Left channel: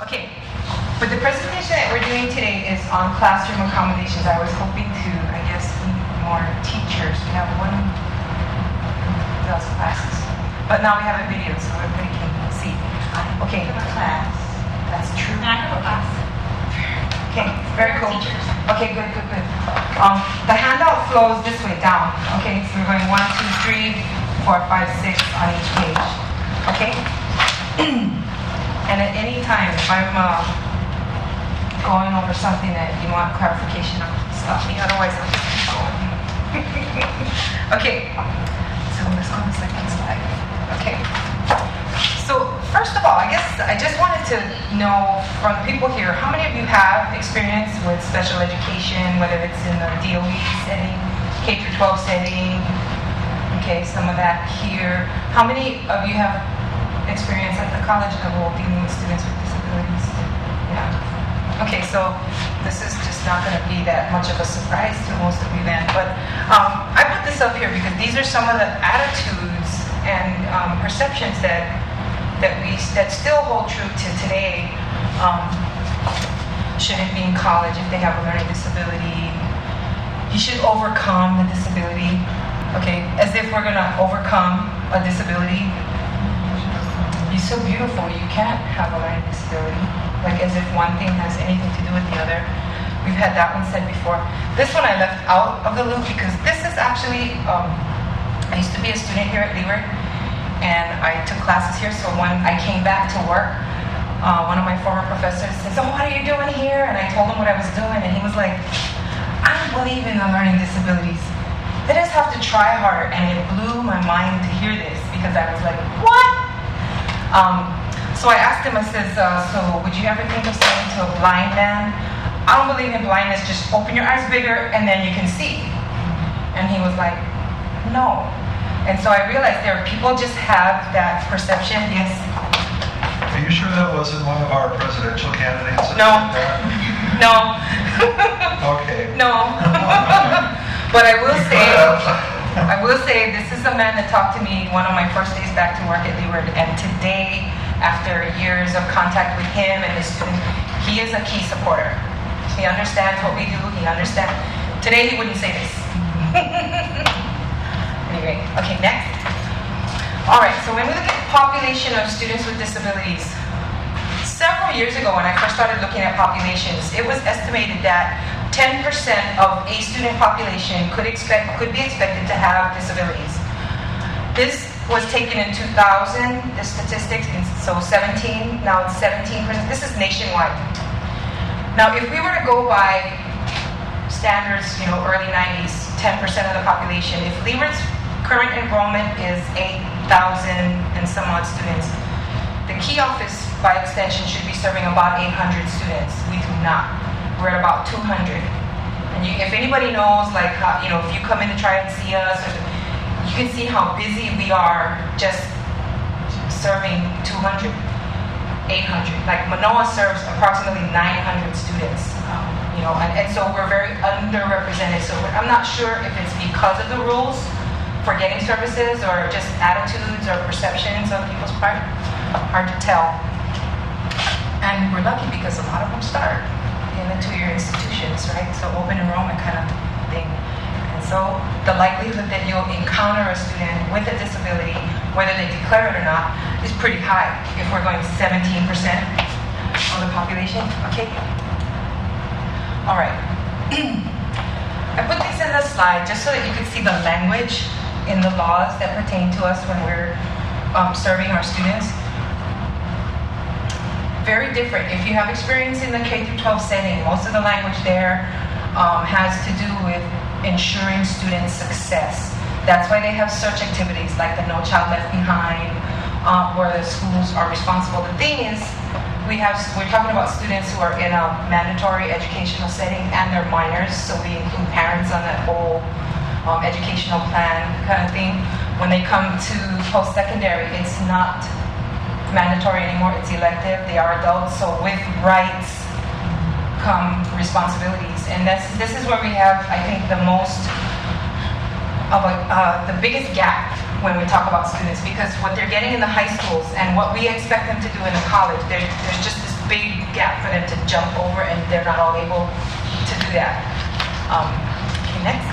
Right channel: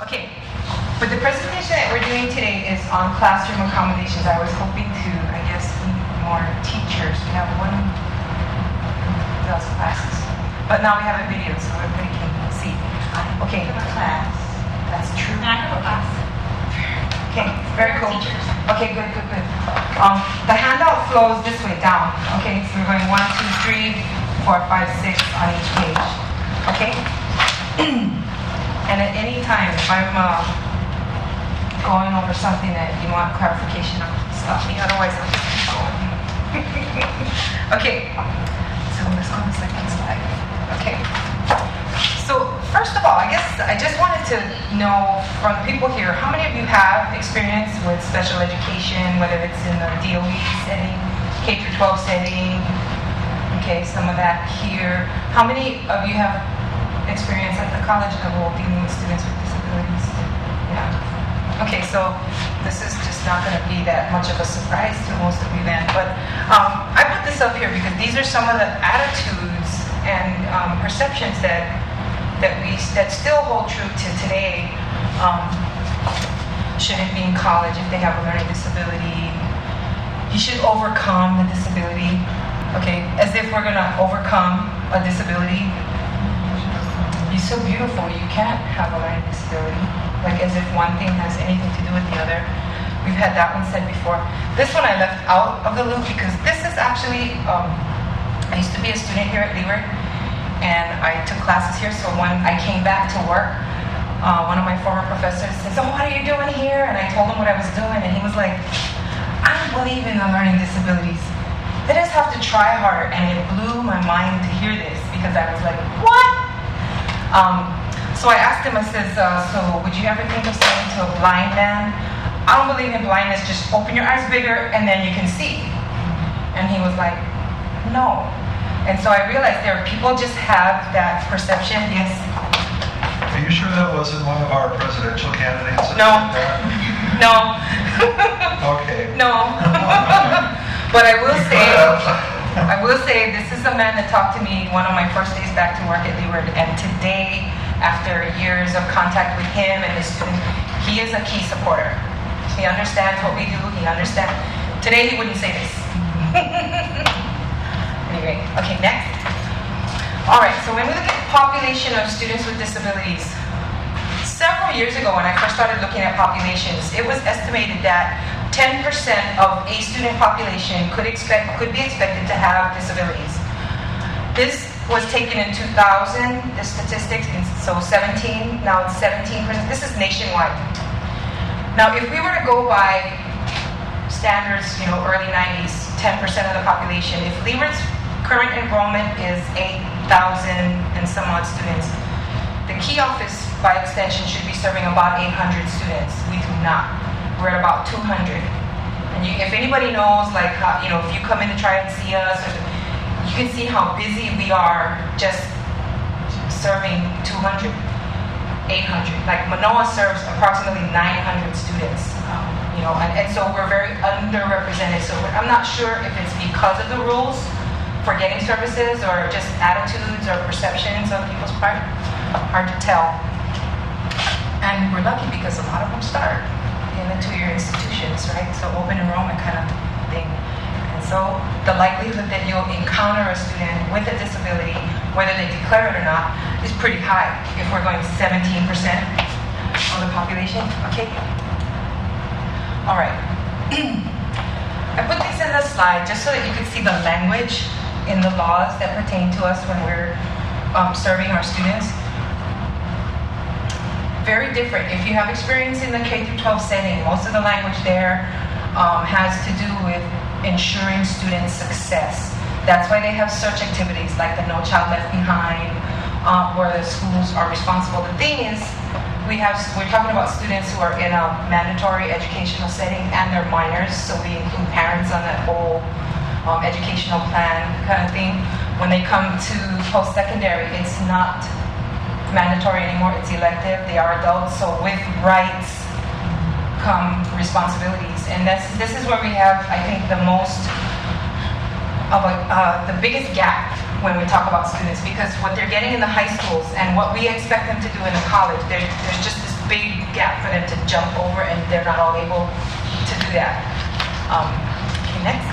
Okay, but the presentation that we're doing today is on classroom accommodations. I was hoping to, I guess, meet more teachers. We have one does classes, but now we have a video so everybody can see. Okay, Class. that's true. I have a class. Okay, very cool. Okay, good. The handout flows this way down. Okay, so we're going 1, 2, 3, 4, 5, 6 on each page. Okay? And at any time, if I'm going over something that you want clarification on, stop me. Otherwise, I'll just keep going. Okay, so let's go to the second slide. Okay. So first of all, I guess I just wanted to know from the people here, how many of you have experience with special education, whether it's in the DOE setting, K-12 setting, okay, some of that here. How many of you have experience at the college level dealing with students with disabilities? Yeah. Okay, so this is just not going to be that much of a surprise to most of you then, but I put this up here because these are some of the attitudes and perceptions that still hold true to today. Shouldn't be in college if they have a learning disability. You should overcome the disability. Okay, as if we're gonna overcome a disability. You're so beautiful, you can't have a learning disability. Like as if one thing has anything to do with the other. We've had that one said before. This one I left out of the loop because this is actually, I used to be a student here at Leeward, and I took classes here, so when I came back to work, one of my former professors said, "So what are you doing here?" And I told him what I was doing, and he was like, "I don't believe in the learning disabilities. They just have to try harder." And it blew my mind to hear this, because I was like, what? So I asked him, I says, so would you ever think of saying to a blind man, "I don't believe in blindness, just open your eyes bigger and then you can see"? And he was like, no. And so I realized there are people just have that perception. Yes? Are you sure that wasn't one of our presidential candidates? No. No. Okay. No. But I will say this is a man that talked to me one of my first days back to work at Leeward, and today, after years of contact with him and his students, he is a key supporter. He understands what we do, he understands. Today he wouldn't say this. Anyway, okay, next. All right, so when we look at the population of students with disabilities, several years ago when I first started looking at populations, it was estimated that 10% of a student population could be expected to have disabilities. This was taken in 2000, the statistics, so 17, now it's 17%. This is nationwide. Now, if we were to go by standards, early 90s, 10% of the population, if Leeward's current enrollment is 8,000 and some odd students, the key office, by extension, should be serving about 800 students. We do not. We're at about 200. And if anybody knows, like, if you come in to try and see us, you can see how busy we are just serving 200, 800. Like Manoa serves approximately 900 students, and so we're very underrepresented. So I'm not sure if it's because of the rules for getting services or just attitudes or perceptions on people's part. Hard to tell. And we're lucky because a lot of them start in the 2-year institutions, right? So open enrollment kind of thing. And so the likelihood that you'll encounter a student with a disability, whether they declare it or not, is pretty high if we're going 17% of the population. Okay? All right. I put these in the slide just so that you could see the language in the laws that pertain to us when we're serving our students. Very different. If you have experience in the K-12 setting, most of the language there has to do with ensuring student success. That's why they have such activities like the No Child Left Behind, where the schools are responsible. The thing is, we're talking about students who are in a mandatory educational setting and they're minors, so we include parents on that whole educational plan kind of thing. When they come to post-secondary, it's not mandatory anymore, it's elective. They are adults, so with rights come responsibilities. And this is where we have, I think, the most of the biggest gap when we talk about students, because what they're getting in the high schools and what we expect them to do in the college, there's just this big gap for them to jump over, and they're not all able to do that. Okay, next.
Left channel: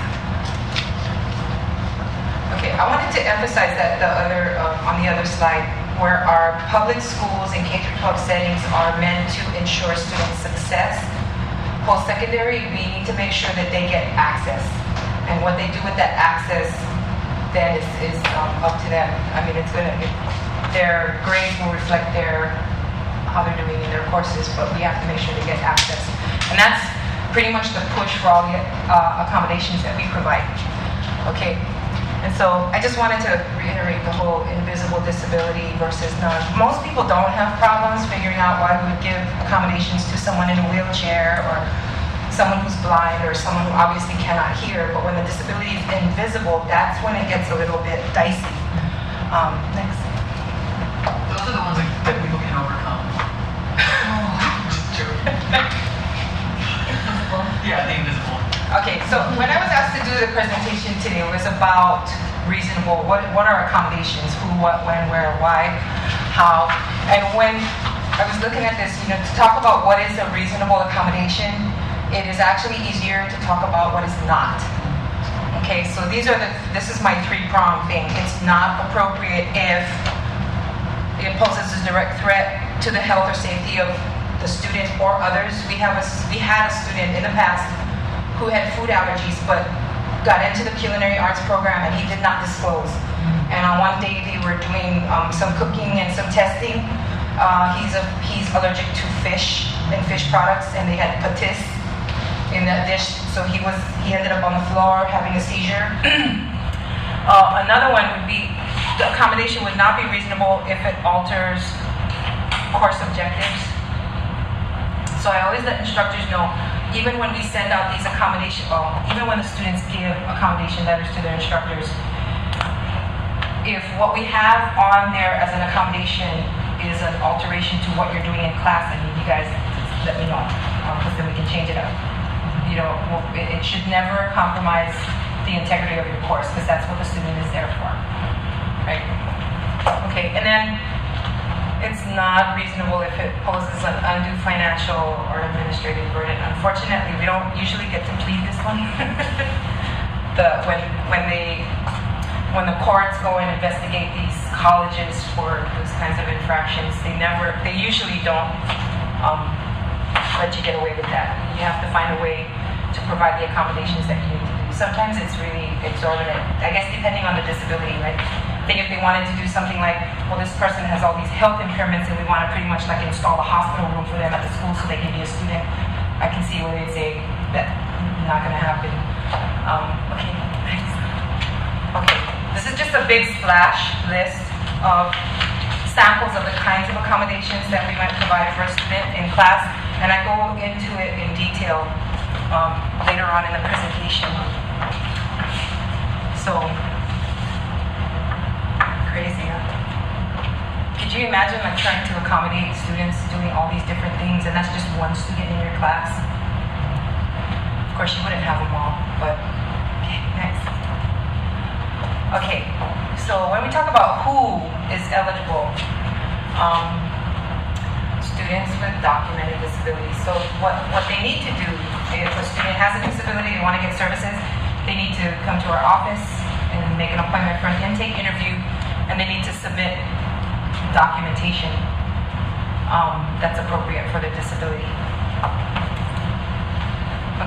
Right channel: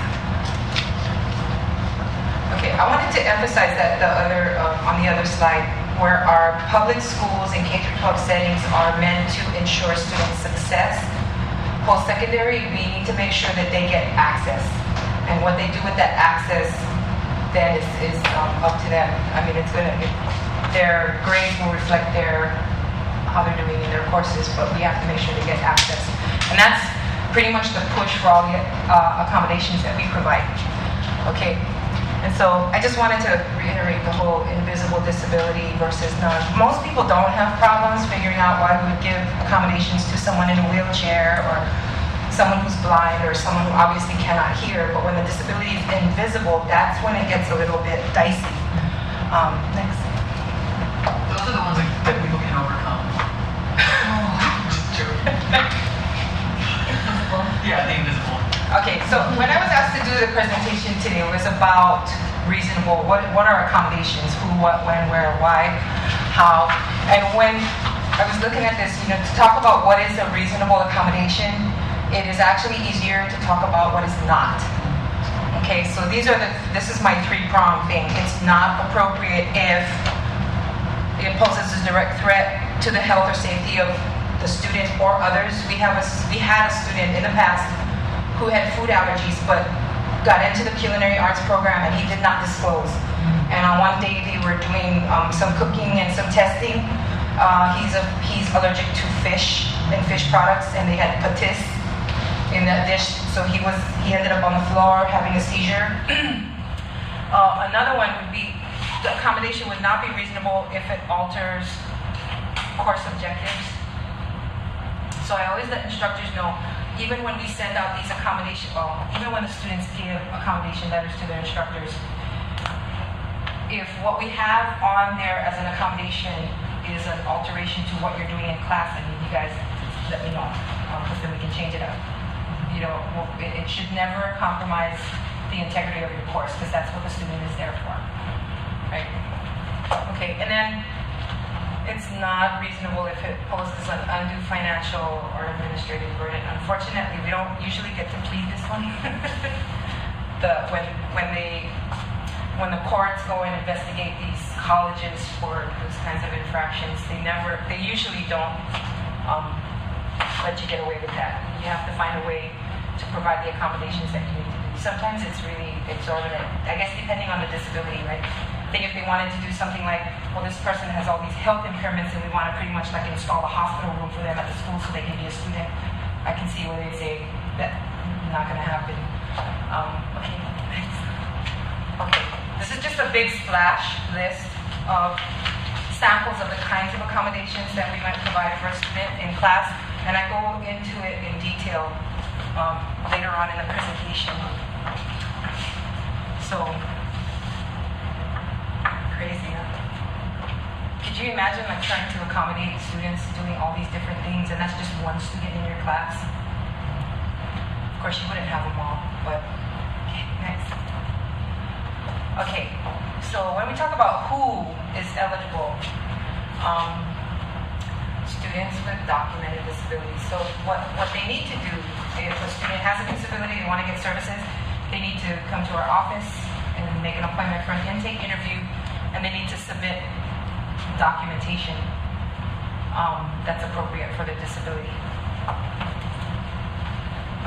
Okay, I wanted to emphasize that on the other slide, where our public schools and K-12 settings are meant to ensure student success. Post-secondary, we need to make sure that they get access. And what they do with that access then is up to them. I mean, their grades will reflect how they're doing in their courses, but we have to make sure they get access. And that's pretty much the push for all the accommodations that we provide. Okay, and so I just wanted to reiterate the whole invisible disability versus none. Most people don't have problems figuring out why we would give accommodations to someone in a wheelchair or someone who's blind or someone who obviously cannot hear, but when the disability is invisible, that's when it gets a little bit dicey. Next. Those are the ones that people can overcome. Just joking. Invisible. Yeah, the invisible. Okay, so when I was asked to do the presentation today, it was about reasonable, what are accommodations, who, what, when, where, why, how, and when I was looking at this, to talk about what is a reasonable accommodation, it is actually easier to talk about what is not. Okay, so this is my three-pronged thing. It's not appropriate if it poses a direct threat to the health or safety of the student or others. We had a student in the past who had food allergies but got into the culinary arts program and he did not disclose. And on one day they were doing some cooking and some testing. He's allergic to fish and fish products, and they had patis in that dish, so he ended up on the floor having a seizure. Another one would be the accommodation would not be reasonable if it alters course objectives. So I always let instructors know, even when we send out these even when the students give accommodation letters to their instructors, if what we have on there as an accommodation is an alteration to what you're doing in class, I need you guys let me know, because then we can change it up. It should never compromise the integrity of your course, because that's what the student is there for, right? Okay, and then it's not reasonable if it poses an undue financial or administrative burden. Unfortunately, we don't usually get to plead this one. When the courts go and investigate these colleges for those kinds of infractions, they usually don't let you get away with that. You have to find a way to provide the accommodations that you need to do. Sometimes it's really exorbitant, I guess, depending on the disability, right? If they wanted to do something like, well, this person has all these health impairments and we want to pretty much like install a hospital room for them at the school so they can be a student, I can see where they'd say that's not going to happen. Okay, nice. Okay, this is just a big splash list of samples of the kinds of accommodations that we might provide for a student in class, and I go into it in detail later on in the presentation. So, crazy, huh? Could you imagine trying to accommodate students doing all these different things, and that's just one student in your class? Of course, you wouldn't have them all, but okay, next. Okay, so when we talk about who is eligible, students with documented disabilities. So what they need to do, if a student has a disability, they want to get services, they need to come to our office and make an appointment for an intake interview, and they need to submit documentation that's appropriate for the disability.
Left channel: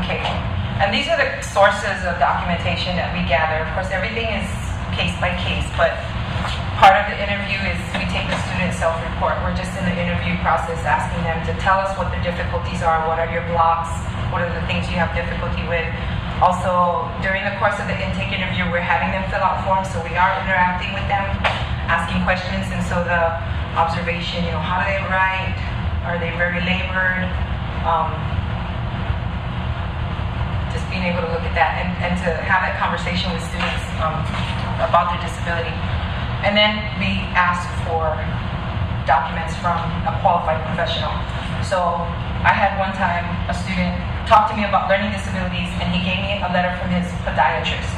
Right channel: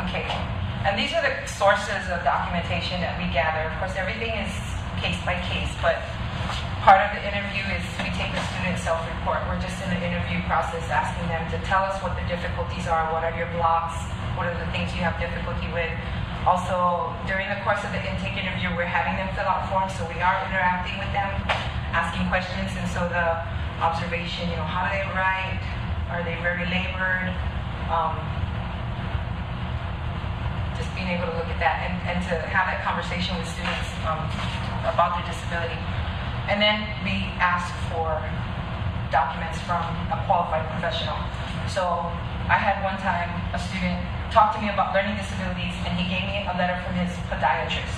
Okay, and these are the sources of documentation that we gather. Of course, everything is case by case, but part of the interview is we take the student self-report. We're just in the interview process asking them to tell us what the difficulties are, what are your blocks, what are the things you have difficulty with. Also, during the course of the intake interview, we're having them fill out forms, so we are interacting with them, asking questions, and so the observation, how do they write? Are they very labored? Just being able to look at that and to have that conversation with students about their disability. And then we ask for documents from a qualified professional. So I had one time a student talk to me about learning disabilities, and he gave me a letter from his podiatrist.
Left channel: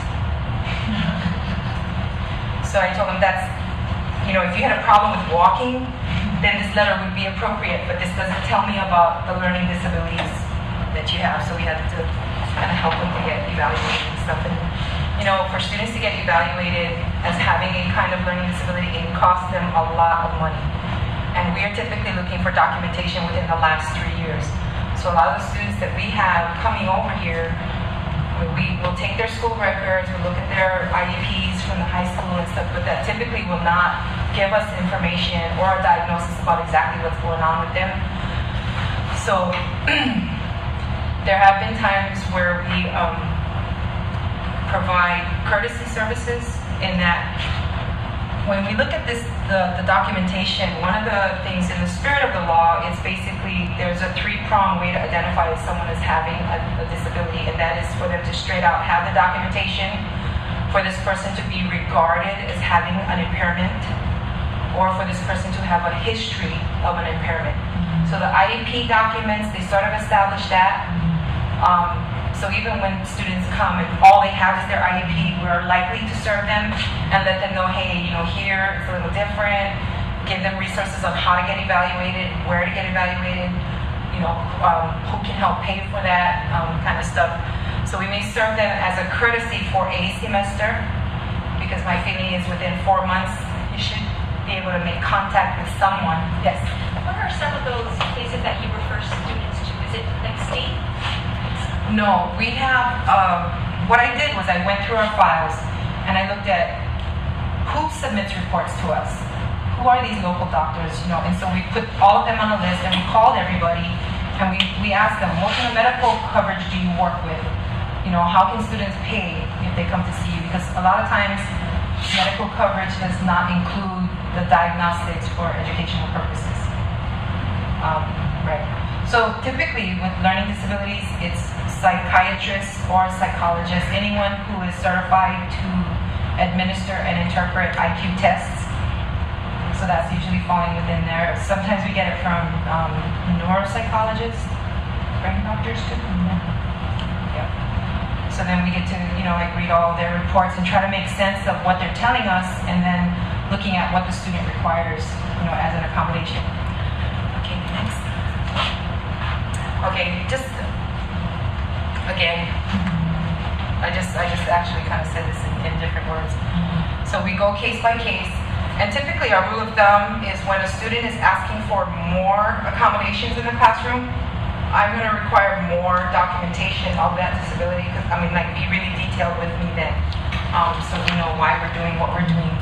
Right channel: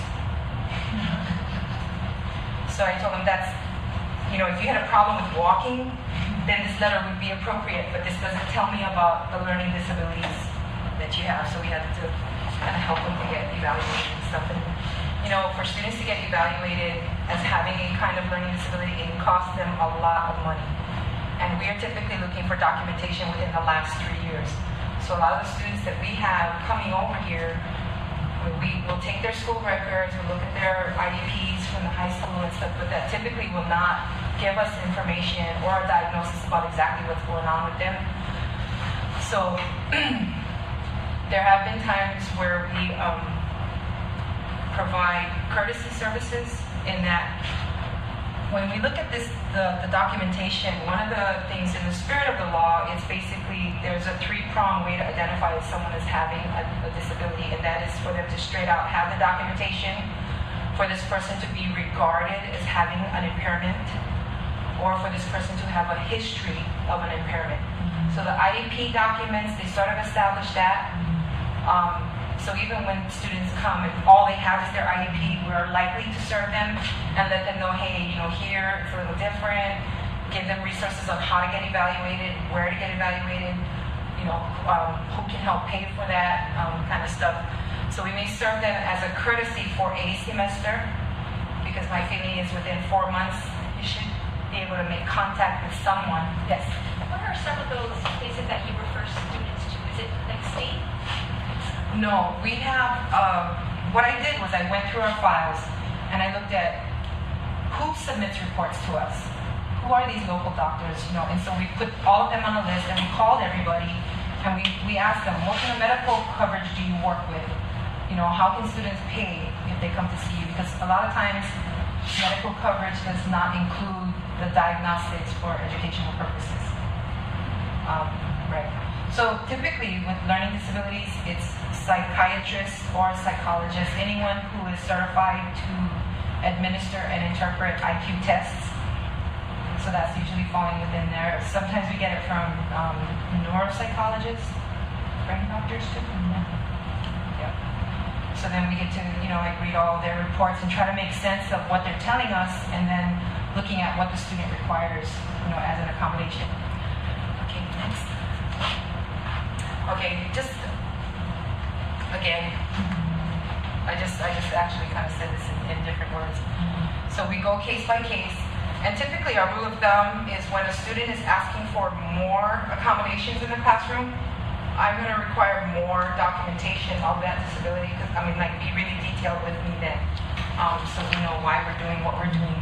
So I told him if you had a problem with walking, then this letter would be appropriate, but this doesn't tell me about the learning disabilities that you have, so we had to kind of help them to get evaluated and stuff. And, you know, for students to get evaluated as having a kind of learning disability, it costs them a lot of money. And we are typically looking for documentation within the last 3 years. So a lot of the students that we have coming over here, we will take their school records, we'll look at their IEPs from the high school and stuff, but that typically will not give us information or a diagnosis about exactly what's going on with them. So there have been times where we provide courtesy services in that when we look at this, the documentation, one of the things in the spirit of the law is basically there's a three-pronged way to identify if someone is having a disability, and that is for them to straight out have the documentation, for this person to be regarded as having an impairment, or for this person to have a history of an impairment. So the IEP documents, they sort of establish that. So even when students come and all they have is their IEP, we're likely to serve them and let them know, hey, you know, here it's a little different. Give them resources on how to get evaluated, where to get evaluated, you know, who can help pay for that kind of stuff. So we may serve them as a courtesy for a semester, because my feeling is within 4 months you should be able to make contact with someone. Yes. What are some of those cases that you refer students to? Is it like state? No, we have, what I did was I went through our files and I looked at who submits reports to us. Who are these local doctors, you know, and so we put all of them on a list and we called everybody and we asked them, what kind of medical coverage do you work with? You know, how can students pay if they come to see you? Because a lot of times medical coverage does not include the diagnostics for educational purposes. Right. So typically with learning disabilities, it's psychiatrists or psychologists, anyone who is certified to administer and interpret IQ tests. So that's usually falling within there. Sometimes we get it from neuropsychologists, brain doctors too. Yeah. So then we get to, you know, like read all their reports and try to make sense of what they're telling us, and then looking at what the student requires, you know, as an accommodation. Okay, next. Okay, just again, I just actually kind of said this in different words. So we go case by case, and typically our rule of thumb is when a student is asking for more accommodations in the classroom, I'm going to require more documentation of that disability, because I mean, like, be really detailed with me then, so we know why we're doing what we're doing.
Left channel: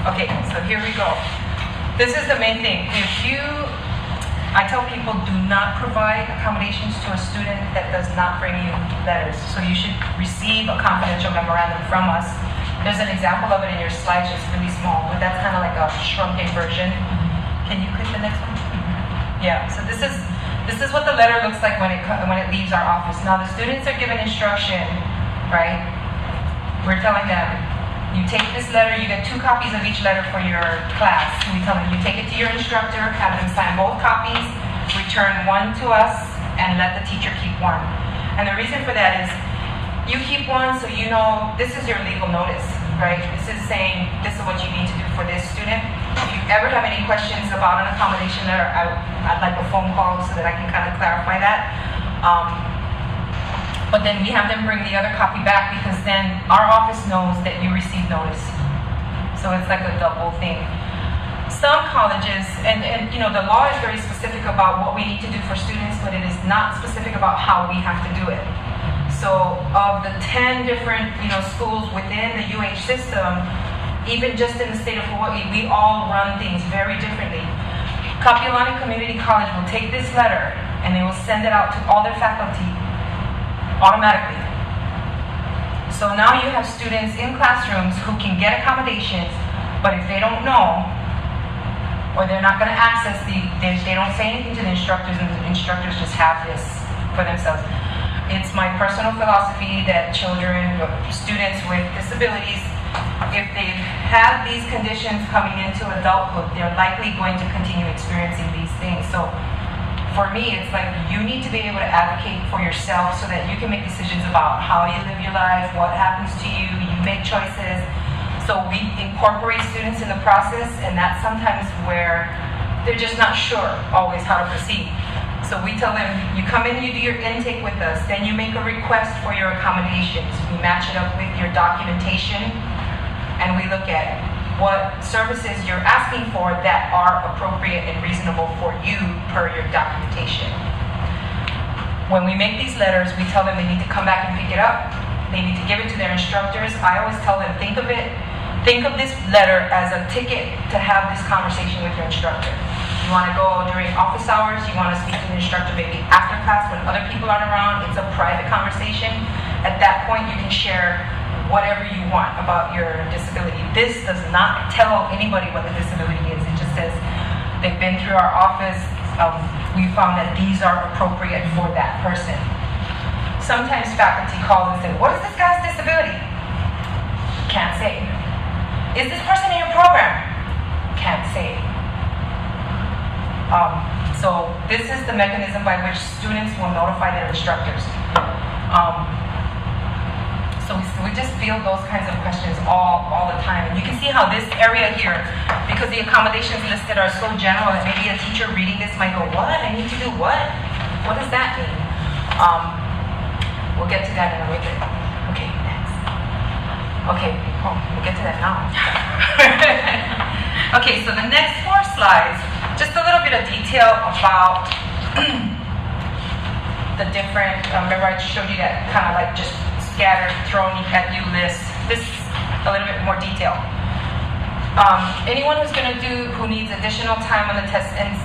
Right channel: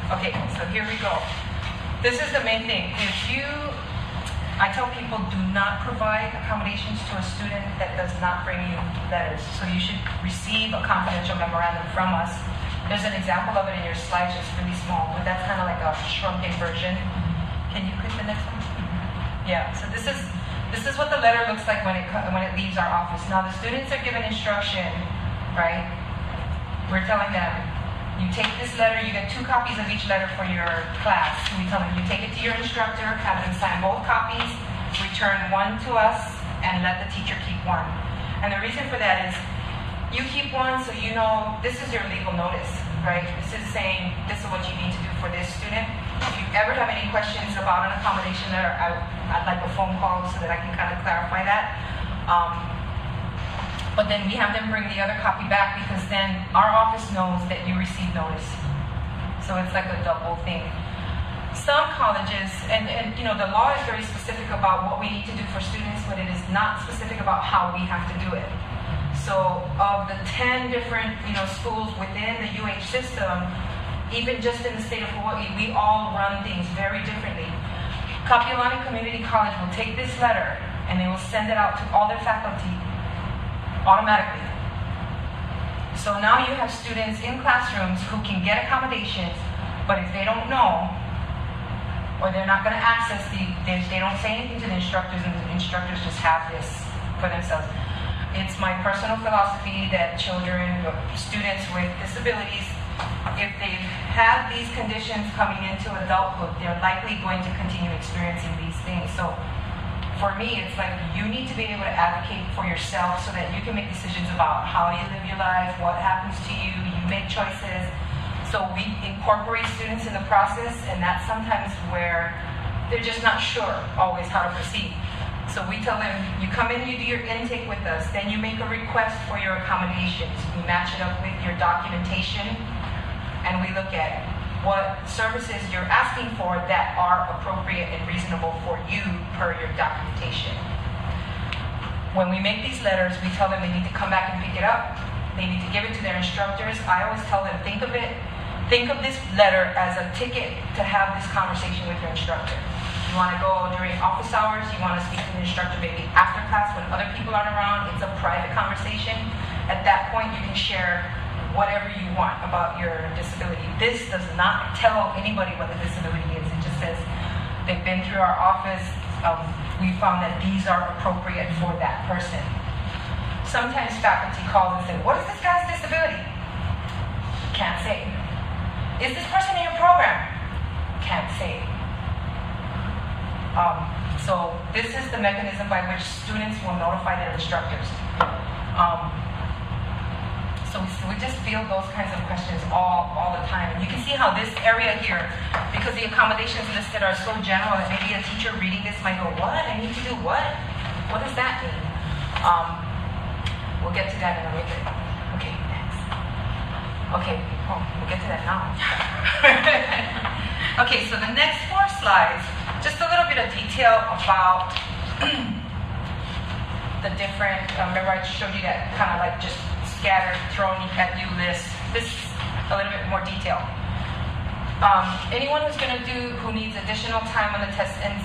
Okay, so here we go. This is the main thing. I tell people, do not provide accommodations to a student that does not bring you letters. So you should receive a confidential memorandum from us. There's an example of it in your slides, it's really small, but that's kind of like a shrunken version. Can you click the next one? Yeah, so this is what the letter looks like when it leaves our office. Now the students are given instruction, right? We're telling them, you take this letter, you get 2 copies of each letter for your class. We tell them, you take it to your instructor, have them sign both copies, return one to us, and let the teacher keep one. And the reason for that is, you keep one so you know this is your legal notice, right? This is saying this is what you need to do for this student. If you ever have any questions about an accommodation letter, I'd like a phone call so that I can kind of clarify that. But then we have them bring the other copy back, because then our office knows that you received notice. So it's like a double thing. Some colleges, and you know, the law is very specific about what we need to do for students, but it is not specific about how we have to do it. So of the 10 different, you know, schools within the UH system, even just in the state of Hawaii, we all run things very differently. Kapiolani Community College will take this letter and they will send it out to all their faculty automatically. So now you have students in classrooms who can get accommodations, but if they don't know, or they're not going to access they don't say anything to the instructors, and the instructors just have this for themselves. It's my personal philosophy that children, or students with disabilities, if they've had these conditions coming into adulthood, they're likely going to continue experiencing these things. So for me, it's like you need to be able to advocate for yourself so that you can make decisions about how you live your life, what happens to you, you make choices. So we incorporate students in the process, and that's sometimes where they're just not sure always how to proceed. So we tell them, you come in, you do your intake with us, then you make a request for your accommodations. We match it up with your documentation, and we look at what services you're asking for that are appropriate and reasonable for you per your documentation. When we make these letters, we tell them they need to come back and pick it up. They need to give it to their instructors. I always tell them, think of this letter as a ticket to have this conversation with your instructor. You want to go during office hours, you want to speak to the instructor maybe after class when other people aren't around. It's a private conversation. At that point, you can share whatever you want about your disability. This does not tell anybody what the disability is. It just says they've been through our office. We found that these are appropriate for that person. Sometimes faculty call and say, what is this guy's disability? Can't say. Is this person in your program? Can't say. So this is the mechanism by which students will notify their instructors. So we just field those kinds of questions all the time. You can see how this area here, because the accommodations listed are so general that maybe a teacher reading this might go, what? I need to do what? What does that mean? We'll get to that in a little bit. Okay, next. Okay, we'll get to that now. Okay, so the next 4 slides, just a little bit of detail about the different, remember I showed you that kind of like just scattered, thrown at you list. This a little bit more detail. Anyone who needs additional time on the test, and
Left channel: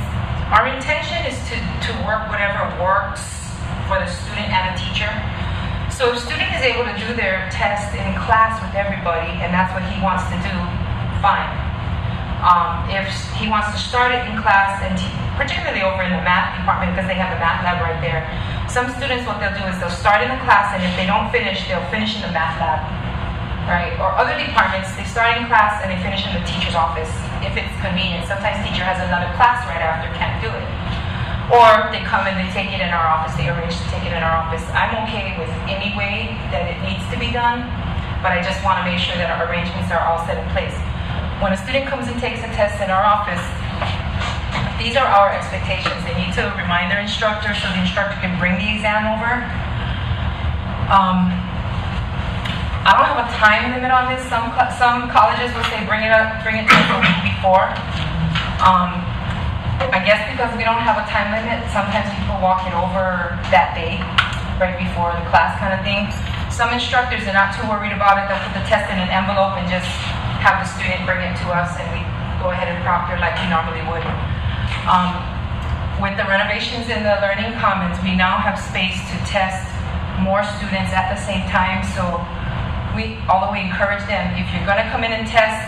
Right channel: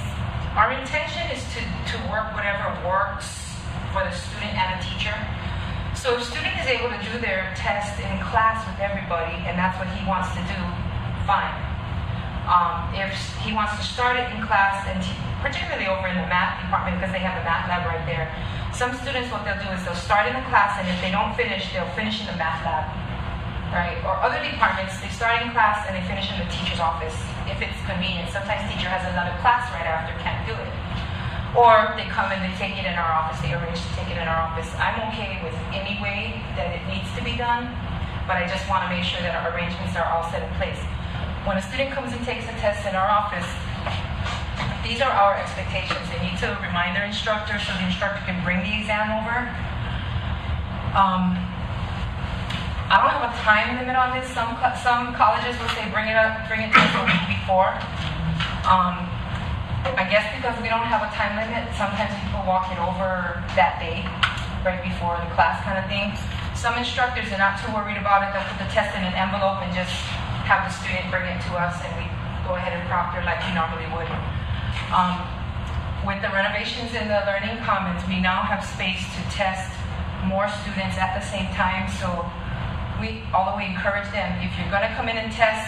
our intention is to work whatever works for the student and the teacher. So if student is able to do their test in class with everybody, and that's what he wants to do, fine. If he wants to start it in class, and particularly over in the math department, because they have a math lab right there, some students, what they'll do is they'll start in the class, and if they don't finish, they'll finish in the math lab, right? Or other departments, they start in class and they finish in the teacher's office, if it's convenient. Sometimes teacher has another class right after, can't do it. Or they come and they take it in our office, they arrange to take it in our office. I'm okay with any way that it needs to be done, but I just want to make sure that our arrangements are all set in place. When a student comes and takes a test in our office, these are our expectations. They need to remind their instructor so the instructor can bring the exam over. I don't have a time limit on this. Some colleges will say bring it to us a week before. I guess because we don't have a time limit, sometimes people walk it over that day, right before the class kind of thing. Some instructors are not too worried about it. They'll put the test in an envelope and just have the student bring it to us, and we go ahead and proctor like we normally would. With the renovations in the Learning Commons, we now have space to test more students at the same time. So although we encourage them, if you're going to come in and test,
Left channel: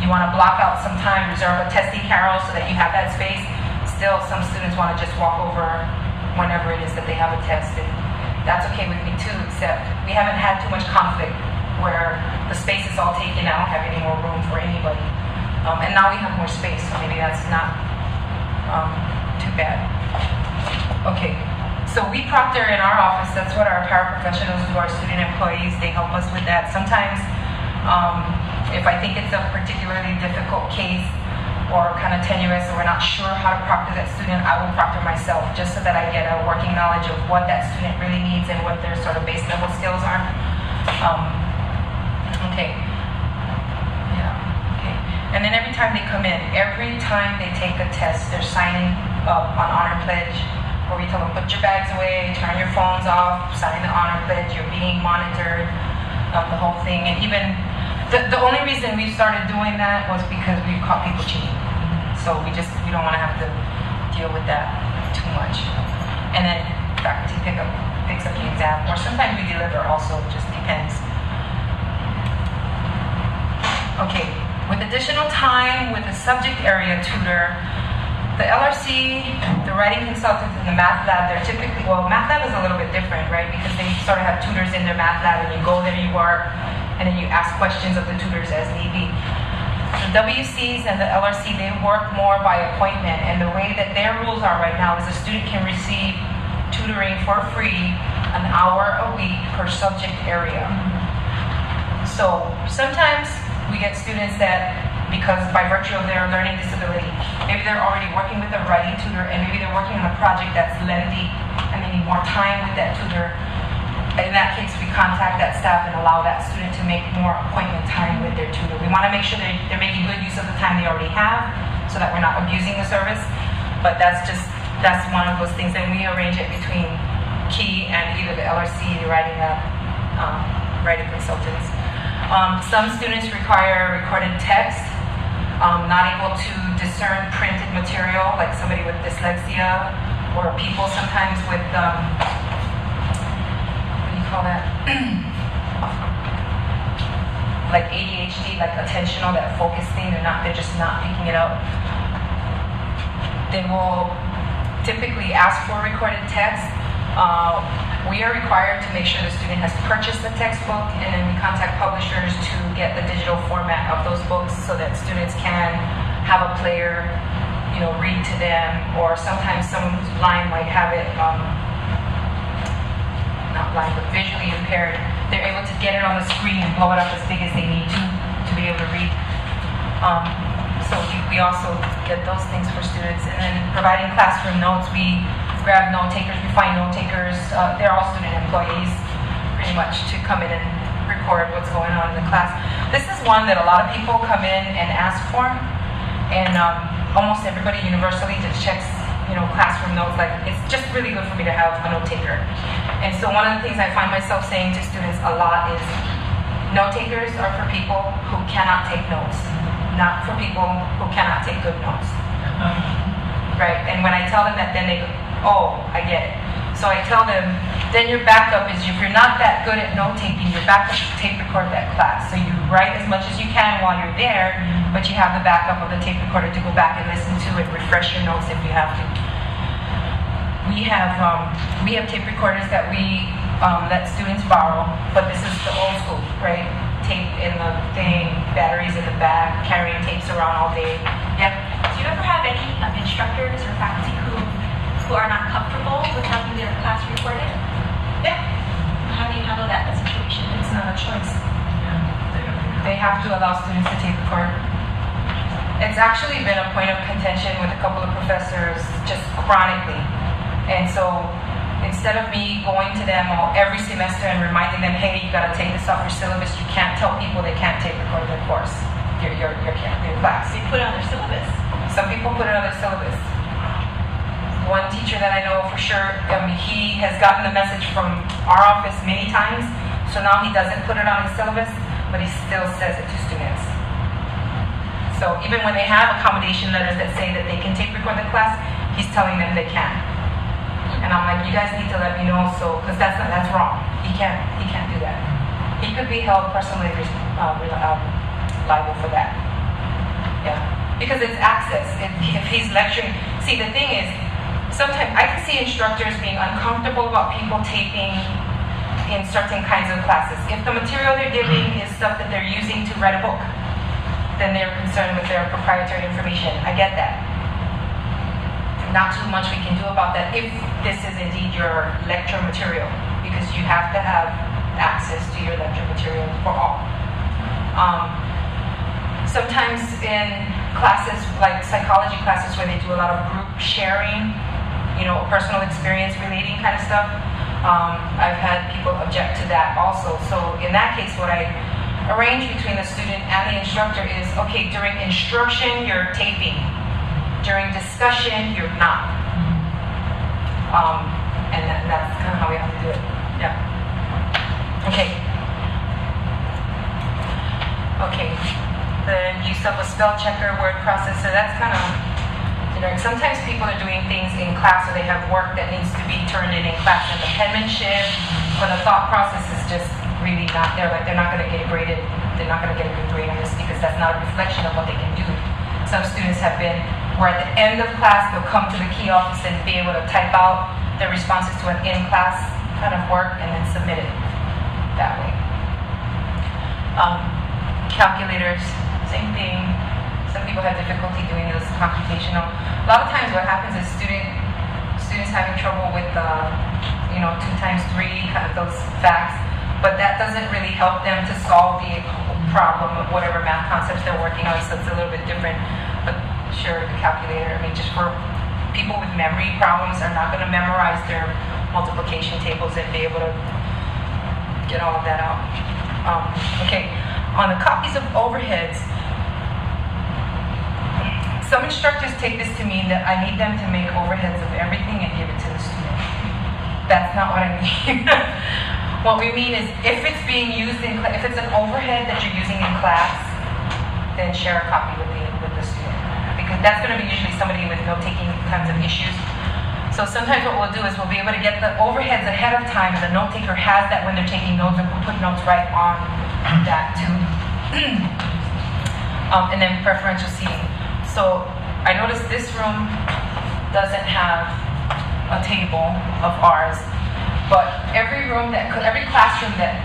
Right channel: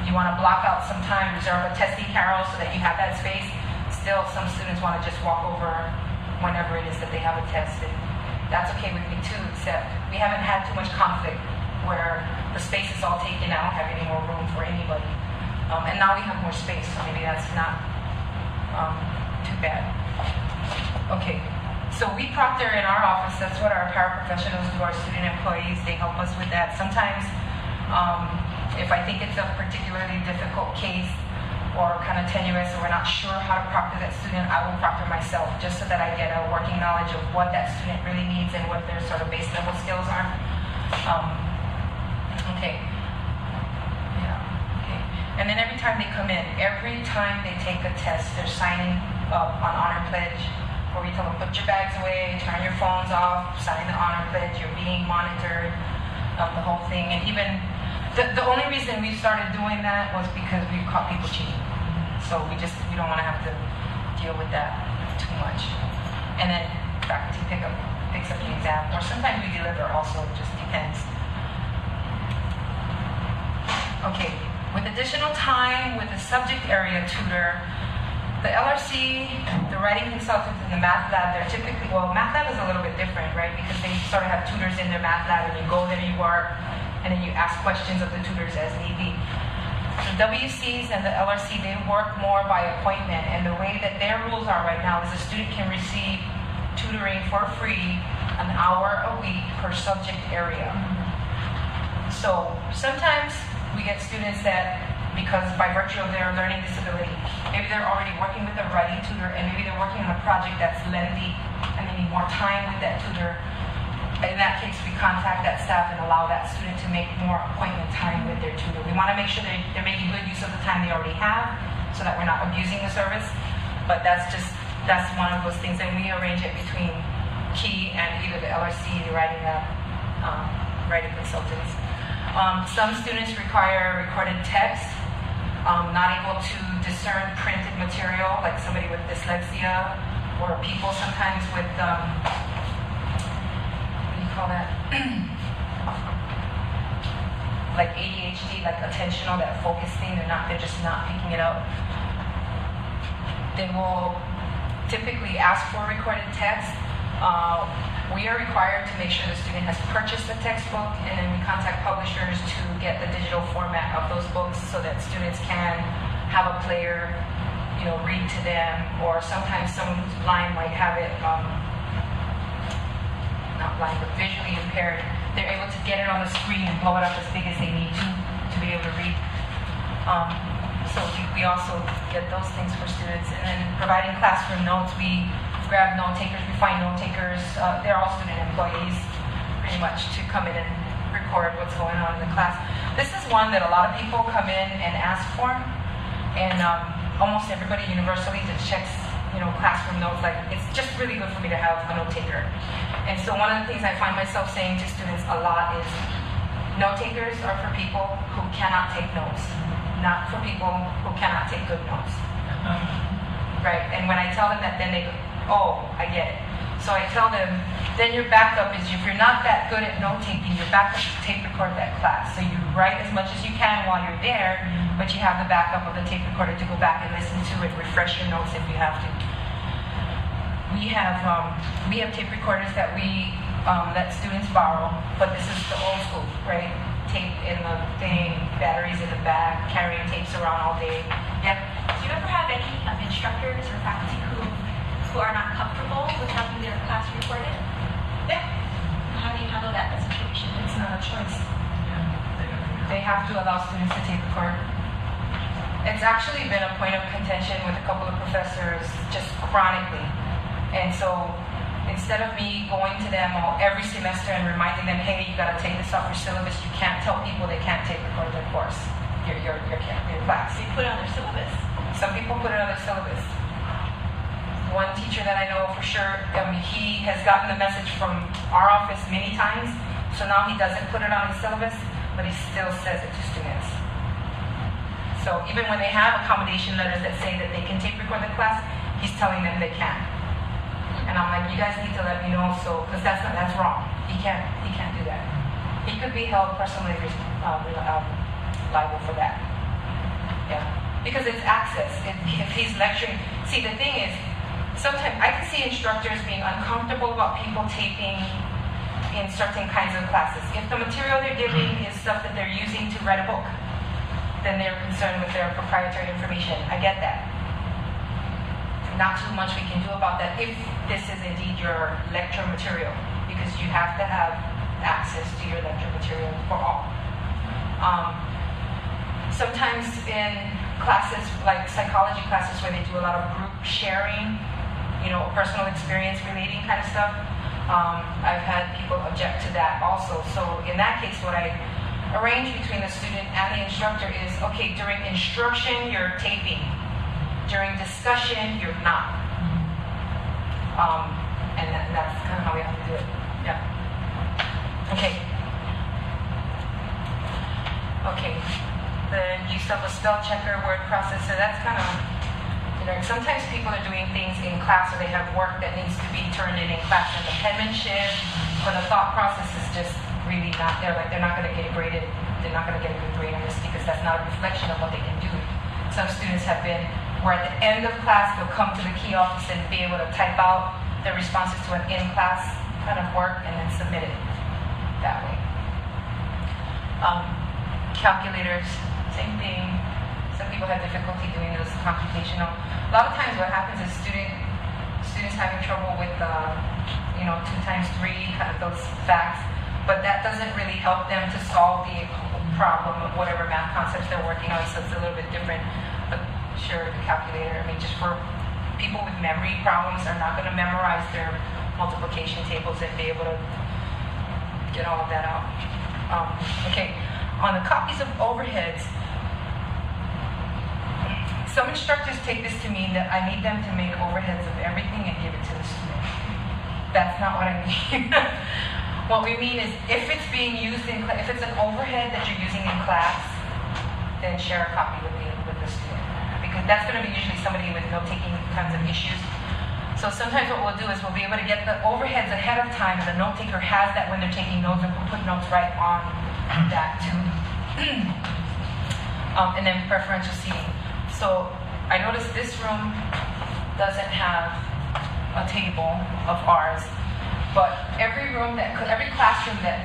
you want to block out some time, reserve a testing carol so that you have that space. Still, some students want to just walk over whenever it is that they have a test. And that's okay with me too, except we haven't had too much conflict where the space is all taken. I don't have any more room for anybody. And now we have more space, so maybe that's not too bad. Okay, so we proctor in our office. That's what our paraprofessionals do, our student employees. They help us with that. Sometimes, if I think it's a particularly difficult case or kind of tenuous, or we're not sure how to proctor that student, I will proctor myself, just so that I get a working knowledge of what that student really needs and what their sort of base level skills are. Okay. And then every time they come in, every time they take a test, they're signing up on Honor Pledge, where we tell them, put your bags away, turn your phones off, sign the Honor Pledge, you're being monitored, the whole thing. And even, the only reason we started doing that was because we caught people cheating. So we don't want to have to deal with that too much. And then faculty picks up the exam, or sometimes we deliver also, it just depends. Okay. With additional time with the subject area tutor, the LRC, the writing consultant, and the math lab, they're typically, well, math lab is a little bit different, right? Because they sort of have tutors in their math lab, and you go there, you work, and then you ask questions of the tutors as need be. The WCs and the LRC, they work more by appointment, and the way that their rules are right now is a student can receive tutoring for free, an hour a week per subject area. So sometimes we get students that, because by virtue of their learning disability, maybe they're already working with a writing tutor, and maybe they're working on a project that's lengthy and they need more time with that tutor. In that case, we contact that staff and allow that student to make more appointment time with their tutor. We want to make sure they're making good use of the time they already have, so that we're not abusing the service. But that's one of those things, and we arrange it between Key and either the LRC writing consultants. Some students require recorded text, not able to discern printed material, like somebody with dyslexia, or people sometimes with like ADHD, like attentional, that focusing, they're just not picking it up. They will typically ask for recorded text. We are required to make sure the student has purchased the textbook, and then we contact publishers to get the digital format of those books so that students can have a player, read to them, or sometimes someone who's blind might have it, not blind, but visually impaired. They're able to get it on the screen and blow it up as big as they need to be able to read. So we also get those things for students. And then providing classroom notes, we grab note takers, we find note takers. They're all student employees, pretty much, to come in and record what's going on in the class. This is one that a lot of people come in and ask for, and almost everybody universally just checks, classroom notes. Like, it's just really good for me to have a note taker. And so one of the things I find myself saying to students a lot is, note takers are for people who cannot take notes, not for people who cannot take good notes. Right? And when I tell them that, then they go, oh, I get it. So I tell them, then your backup is, if you're not that good at note taking, your backup is to tape record that class. So you write as much as you can while you're there, but you have the backup of the tape recorder to go back and listen to it, refresh your notes if you have to. We have tape recorders that we let students borrow, but this is the old school, right? Tape in the thing, batteries in the back, carrying tapes around all day. Yeah. Do you ever have any instructors or faculty who are not comfortable with having their class recorded? Yeah. How do you handle that situation? It's not a choice. They have to allow students to tape record. It's actually been a point of contention with a couple of professors just chronically. And so instead of me going to them every semester and reminding them, hey, you got to take this off your syllabus, you can't tell people they can't take record their course, your class. They put it on their syllabus. Some people put it on their syllabus. One teacher that I know for sure, he has gotten the message from our office many times, so now he doesn't put it on his syllabus, but he still says it to students. So even when they have accommodation letters that say that they can take record the class, he's telling them they can. And I'm like, you guys need to let me know, so, because that's wrong. He can't do that. He could be held personally liable for that. Yeah, because it's access. If he's lecturing, see, the thing is, sometimes I can see instructors being uncomfortable about people taping in certain kinds of classes. If the material they're giving is stuff that they're using to write a book, then they're concerned with their proprietary information. I get that. Not too much we can do about that if this is indeed your lecture material, because you have to have access to your lecture material for all. Sometimes in classes, like psychology classes where they do a lot of group sharing, personal experience relating kind of stuff, I've had people object to that also. So in that case, what I arrange between the student and the instructor is, okay, during instruction, you're taping. During discussion, you're not. And that's kind of how we have to do it. Yeah. Okay. Okay. The use of a spell checker, word processor, that's kind of generic. Sometimes people are doing things in class, or they have work that needs to be turned in class, and the penmanship or the thought process is just really not there. Like, they're not going to get graded. They're not going to get a good grade on this because that's not a reflection of what they can do. Some students have been, where at the end of class, they'll come to the key office and be able to type out their responses to an in-class kind of work and then submit it that way. Calculators, same thing. some people have difficulty doing this computational. A lot of times what happens is students having trouble with 2 times 3, those facts, but that doesn't really help them to solve the problem of whatever math concepts they're working on, so it's a little bit different. But sure, the calculator, just for people with memory problems are not going to memorize their multiplication tables and be able to get all of that out. Okay, on the copies of overheads, some instructors take this to mean that I need them to make overheads of everything and give it to the student. That's not what I mean. What we mean is if it's being used if it's an overhead that you're using in class, then share a copy with the student. Because that's going to be usually somebody with note-taking kinds of issues. So sometimes what we'll do is we'll be able to get the overheads ahead of time, and the note taker has that when they're taking notes, or we'll put notes right on that too. And then preferential seating. So I noticed this room doesn't have a table of ours, but every classroom that,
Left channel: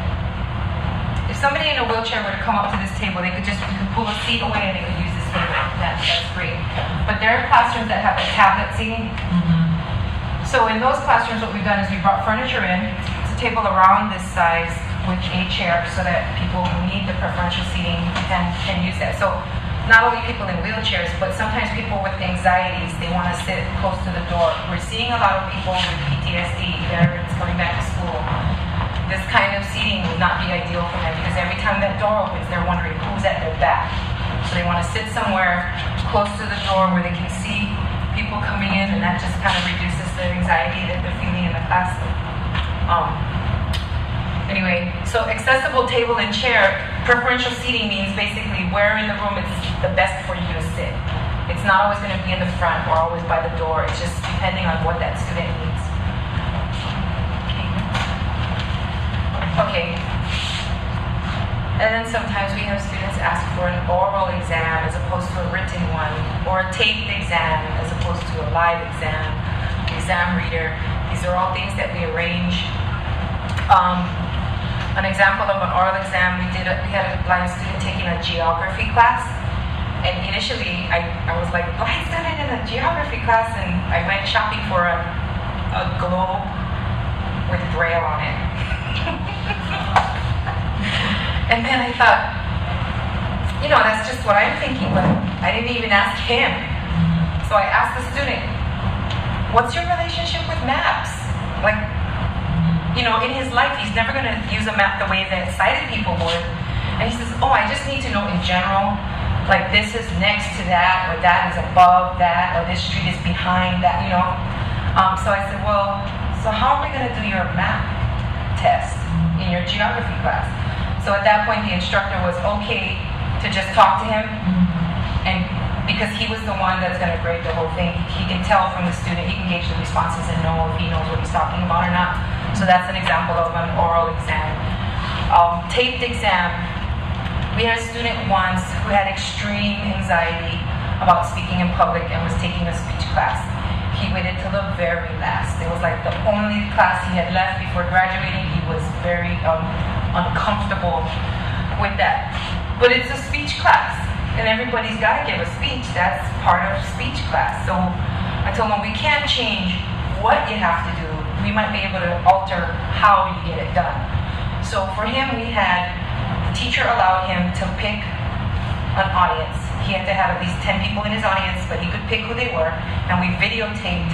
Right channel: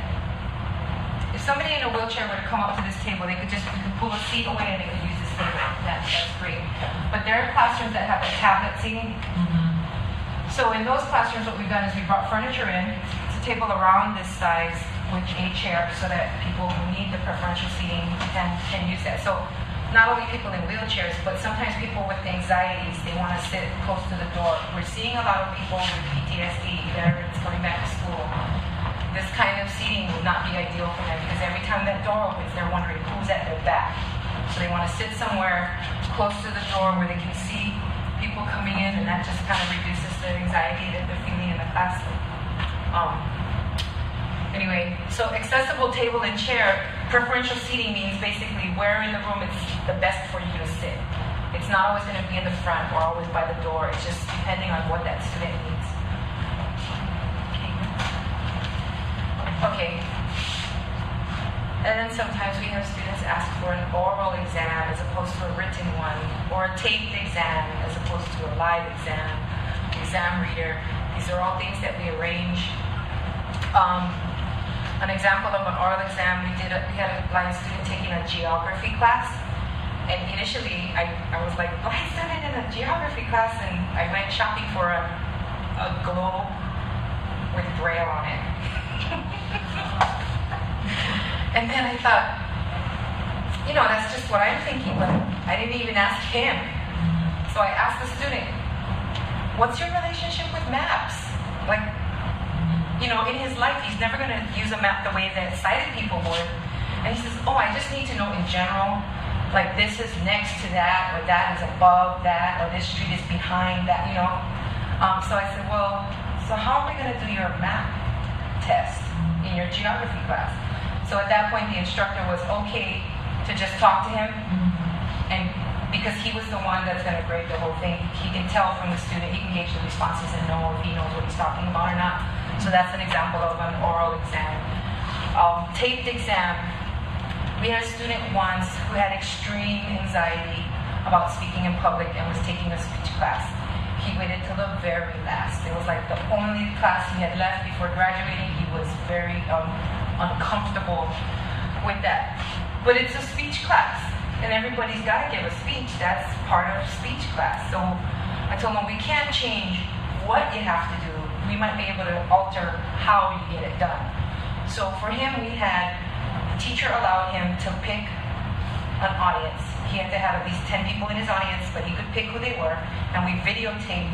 if somebody in a wheelchair were to come up to this table, they could just pull a seat away and they could use this table. That's great. But there are classrooms that have a tablet seating. So in those classrooms, what we've done is we brought furniture in. It's a table around this size with a chair so that people who need the preferential seating can use that. So not only people in wheelchairs, but sometimes people with anxieties, they want to sit close to the door. We're seeing a lot of people with PTSD, they're coming back to school. This kind of seating would not be ideal for them because every time that door opens, they're wondering who's at their back. So they want to sit somewhere close to the door where they can see people coming in, and that just kind of reduces the anxiety that they're feeling in the class. Anyway, so accessible table and chair, preferential seating means basically where in the room it's the best for you to sit. It's not always going to be in the front or always by the door. It's just depending on what that student needs. Okay. And then sometimes we have students ask for an oral exam as opposed to a written one, or a taped exam as opposed to a live exam, exam reader. These are all things that we arrange. An example of an oral exam, we had a blind student taking a geography class, and initially I was like, blind student in a geography class, and I went shopping for a globe with Braille on it. And then I thought, that's just what I'm thinking, but I didn't even ask him. So I asked the student, what's your relationship with maps? In his life, he's never going to use a map the way that sighted people would. And he says, I just need to know in general, like this is next to that, or that is above that, or this street is behind that, So I said, well, so how are we going to do your map test in your geography class? So at that point, the instructor was okay to just talk to him, and because he was the one that's going to grade the whole thing, he can tell from the student, he can gauge the responses and know if he knows what he's talking about or not. So that's an example of an oral exam. Taped exam. We had a student once who had extreme anxiety about speaking in public and was taking a speech class. He waited till the very last. It was like the only class he had left before graduating. He was very uncomfortable with that. But it's a speech class, and everybody's got to give a speech. That's part of speech class. So I told him we can't change what you have to do. We might be able to alter how you get it done. So for him, the teacher allowed him to pick an audience. He had to have at least 10 people in his audience, but he could pick who they were, and we videotaped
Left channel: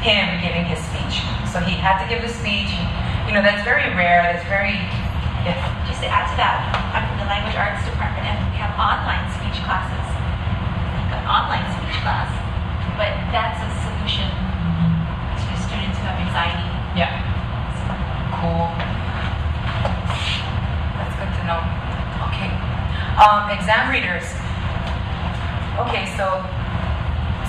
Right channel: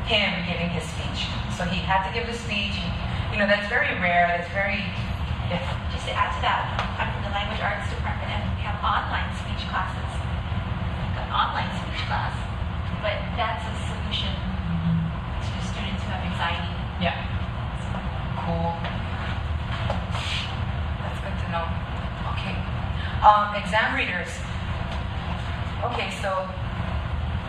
him giving his speech. So he had to give the speech. That's very rare. That's very, Just to add to that, I'm in the language arts department, and we have online speech classes. An online speech class, but that's a solution to students who have anxiety. Yeah. Cool. That's good to know. Okay. Exam readers. Okay, so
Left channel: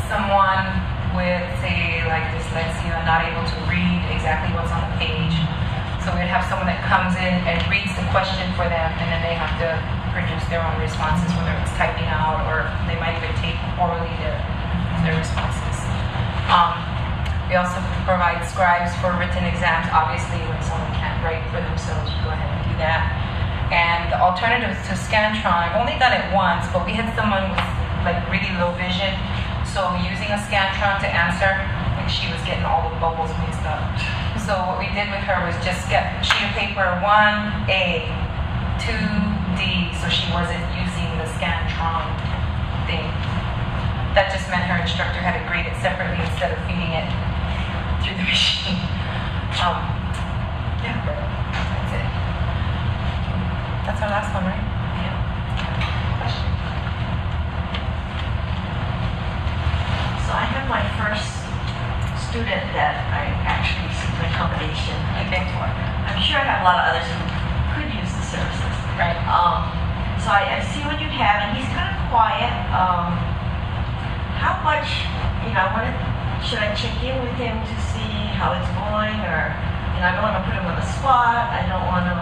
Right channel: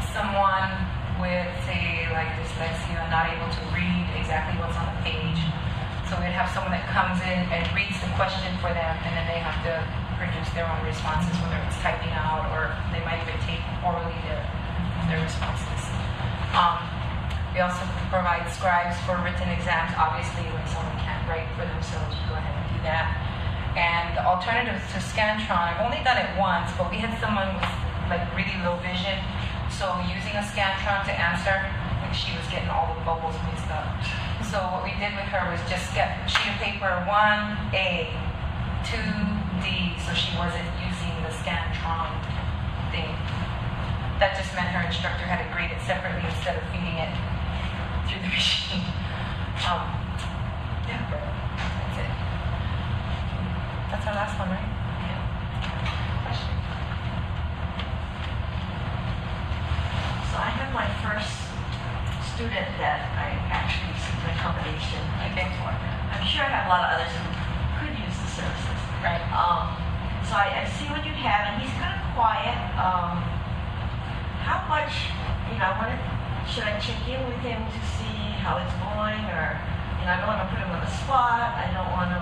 someone with, say, like dyslexia, not able to read exactly what's on the page. So we have someone that comes in and reads the question for them, and then they have to produce their own responses, whether it's typing out or they might even take orally their responses. We also provide scribes for written exams. Obviously, if someone can't write for themselves, you go ahead and do that. And the alternative to Scantron, I've only done it once, but we had someone with like really low vision. So using a Scantron to answer, like she was getting all the bubbles mixed up. So what we did with her was just get sheet of paper 1A, 2D, so she wasn't using the Scantron thing. That just meant her instructor had to grade it separately instead of feeding it through the machine. Yeah, that's it. That's our last one, right? Yeah. Question? So I have my first student that I actually received an accommodation. I'm sure I have a lot of others who could use the services. Right. So I see what you have, and he's kind of quiet. How much, should I check in with him to see how it's going, or, I don't want to put him on the spot. I don't want to,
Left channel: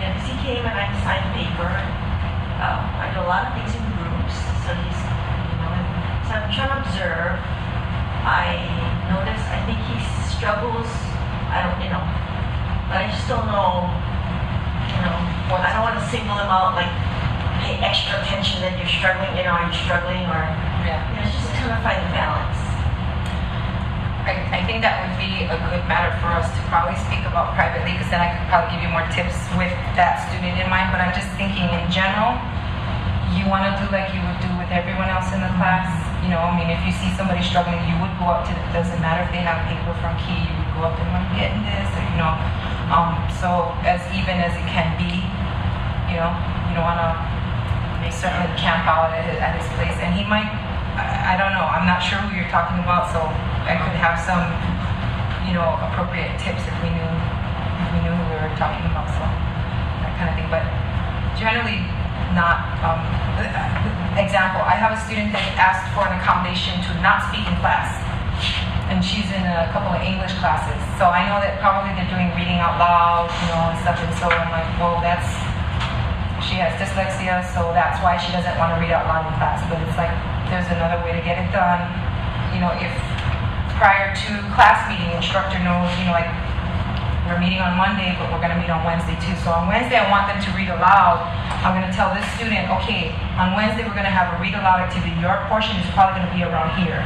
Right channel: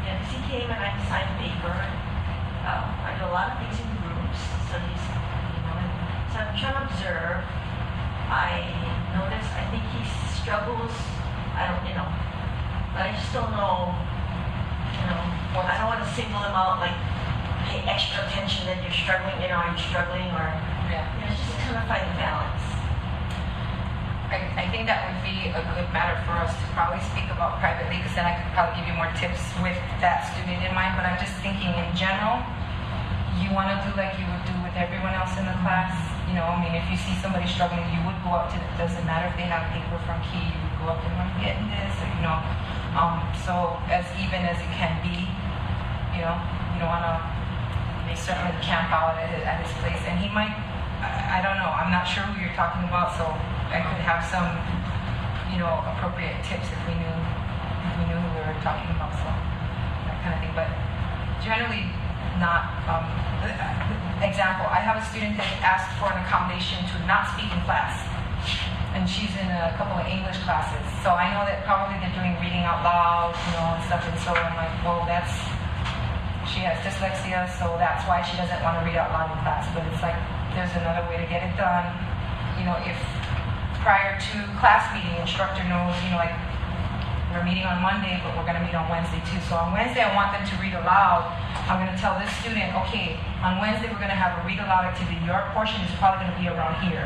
because he came and I signed a paper. I do a lot of things in groups, so he's, so I'm trying to observe. I notice, I think he struggles, but I just don't know, I don't want to signal him out, like, pay extra attention that you're struggling, I'm struggling, or, just kind of find the balance. I think that would be a good matter for us to probably speak about privately, because then I could probably give you more tips with that student in mind. But I'm just thinking in general, you want to do like you would do with everyone else in the class. If you see somebody struggling, you would go up to them. It doesn't matter if they have paper from Key, you would go up to them, I'm getting this, so as even as it can be, you don't want to certainly camp out at his place. And he might, I don't know, I'm not sure who you're talking about, so I could have some, appropriate tips if we knew who we were talking about, so that kind of thing. But generally not, example, I have a student that asked for an accommodation to not speak in class, and she's in a couple of English classes. So I know that probably they're doing reading out loud, and stuff, and so I'm like, well, she has dyslexia, so that's why she doesn't want to read out loud in class. But it's like, there's another way to get it done. If prior to class meeting, instructor knows, like, we're meeting on Monday, but we're going to meet on Wednesday too. So on Wednesday, I want them to read aloud. I'm going to tell this student, okay, on Wednesday, we're going to have a read aloud activity. Your portion is probably going to be around here.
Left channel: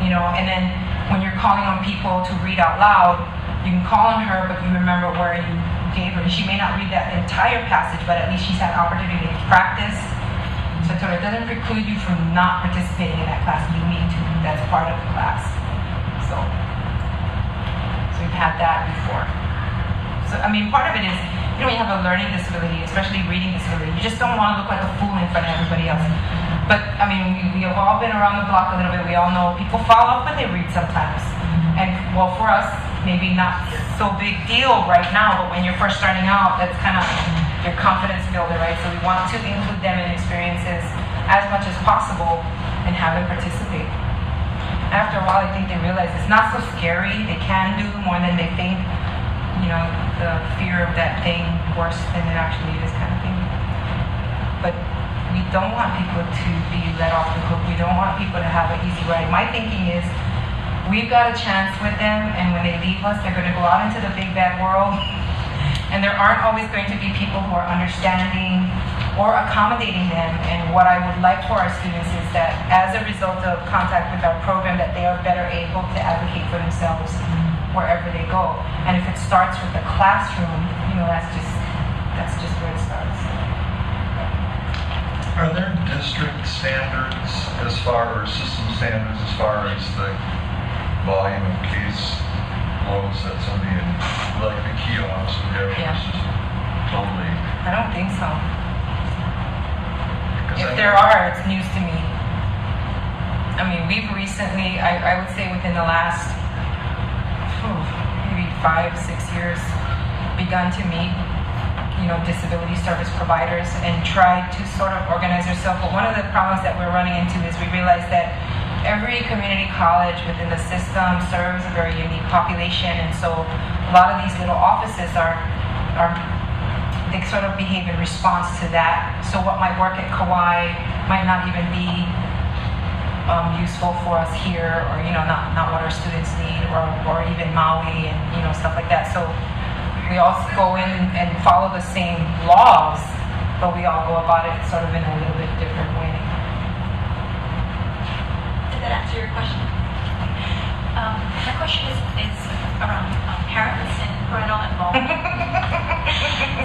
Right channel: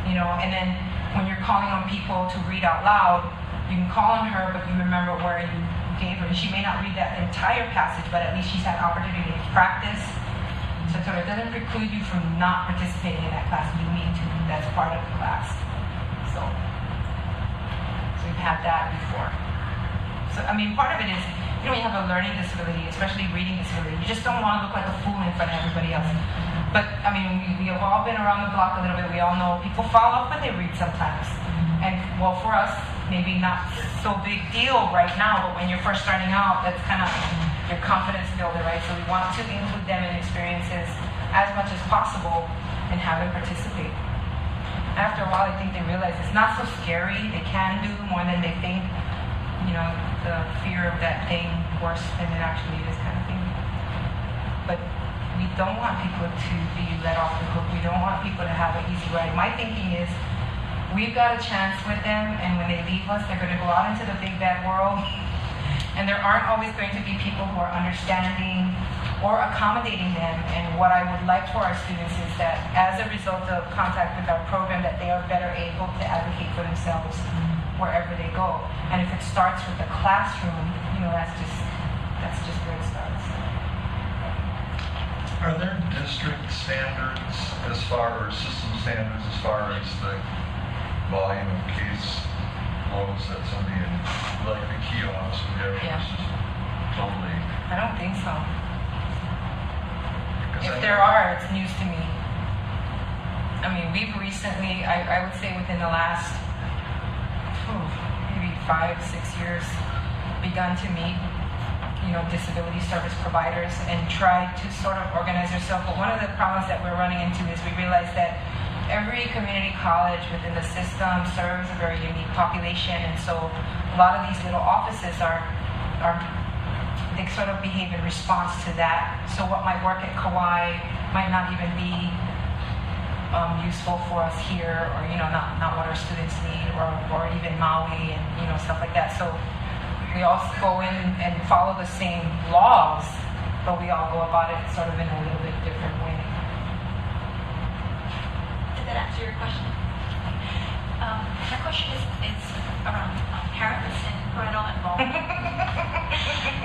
And then when you're calling on people to read out loud, you can call on her, but you remember where you gave her. She may not read that entire passage, but at least she's had opportunity to practice. So it doesn't preclude you from not participating in that class. You need to. That's part of the class. So you've had that before. So, part of it is, you have a learning disability, especially reading disability. You just don't want to look like a fool in front of everybody else. But, we have all been around the block a little bit. We all know people fall off when they read sometimes. And, well, for us, maybe not so big deal right now, but when you're first starting out, that's kind of your confidence builder, right? So we want to include them in experiences as much as possible and have them participate. After a while, I think they realize it's not so scary. They can do more than they think. The fear of that thing worse than it actually is, kind of thing. But we don't want people to be let off the hook. We don't want people to have an easy ride. My thinking is, we've got a chance with them, and when they leave us, they're going to go out into the big bad world. And there aren't always going to be people who are understanding or accommodating them. And what I would like for our students is that as a result of contact with our program, that they are better able to advocate for themselves wherever they go. And if it starts with the classroom, that's just where it starts. Are there district standards as far as system standards as far as the volume of case loads that somebody in, like the kiosks would have? Yeah. Totally. I don't think so. Because If there are, it's news to me. We've recently, I would say within the last maybe 5-6 years, begun to meet, disability service providers and try to sort of organize ourselves. But one of the problems that we're running into is we realize that every community college within the system serves a very unique population, and so a lot of these little offices they sort of behave in response to that. So what might work at Kauai might not even be useful for us here, or not what our students need, or even Maui and stuff like that. So we all go in and follow the same laws, but we all go about it sort of in a little bit different way. that answer your question? My question is parents and parental involvement.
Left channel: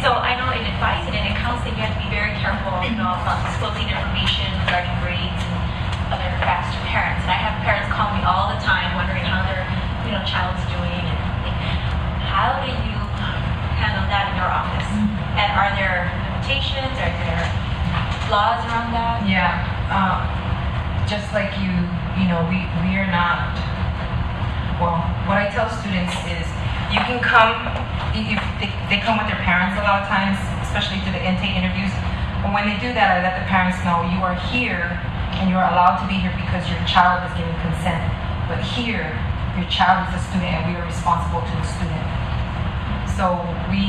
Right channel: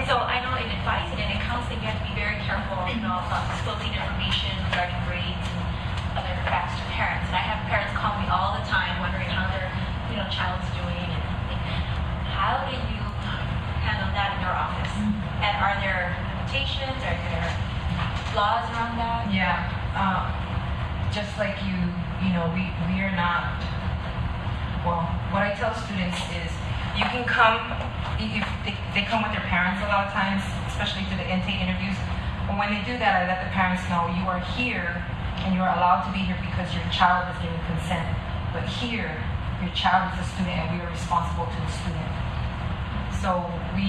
So I know in advising and in counseling, you have to be very careful, about disclosing information regarding grades and other facts to parents. And I have parents call me all the time wondering how their, child's doing. And how do you handle that in your office? And are there limitations? Are there laws around that? Yeah, just like we are not, well, what I tell students is you can come, if they come with their parents a lot of times, especially to the intake interviews, and when they do that, I let the parents know you are here and you're allowed to be here because your child is giving consent. But here, your child is a student and we are responsible to the student. So we,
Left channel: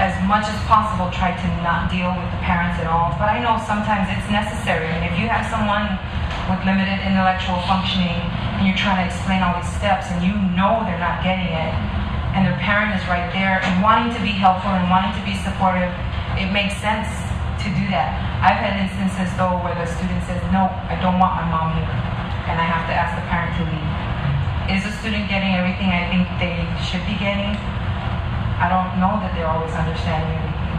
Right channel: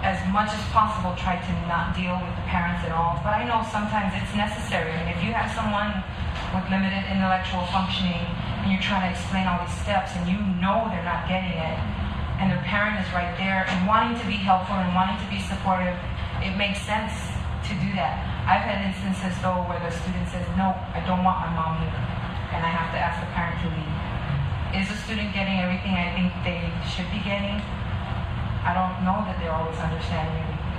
as much as possible, try to not deal with the parents at all. But I know sometimes it's necessary. I mean, if you have someone with limited intellectual functioning and you're trying to explain all these steps and you know they're not getting it, and their parent is right there and wanting to be helpful and wanting to be supportive, it makes sense to do that. I've had instances though where the student says, no, I don't want my mom here, and I have to ask the parent to leave. Is the student getting everything I think they should be getting? I don't know that they're always understanding everything.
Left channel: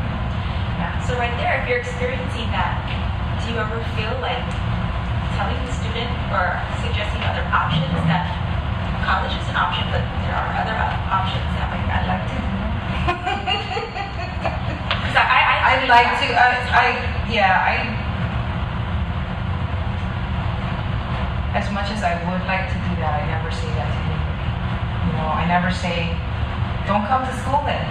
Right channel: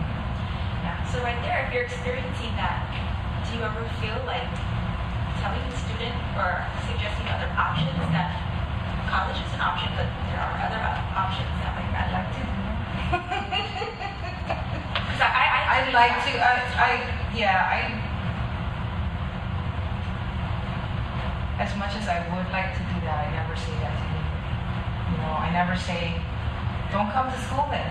Yeah. So right there, if you're experiencing that, do you ever feel like telling the student or suggesting other options that college is an option, but there are other options that might I'd like to. Because I'd like to. As much as I would like to do that, I never say that to anybody. I never say, don't come to school then.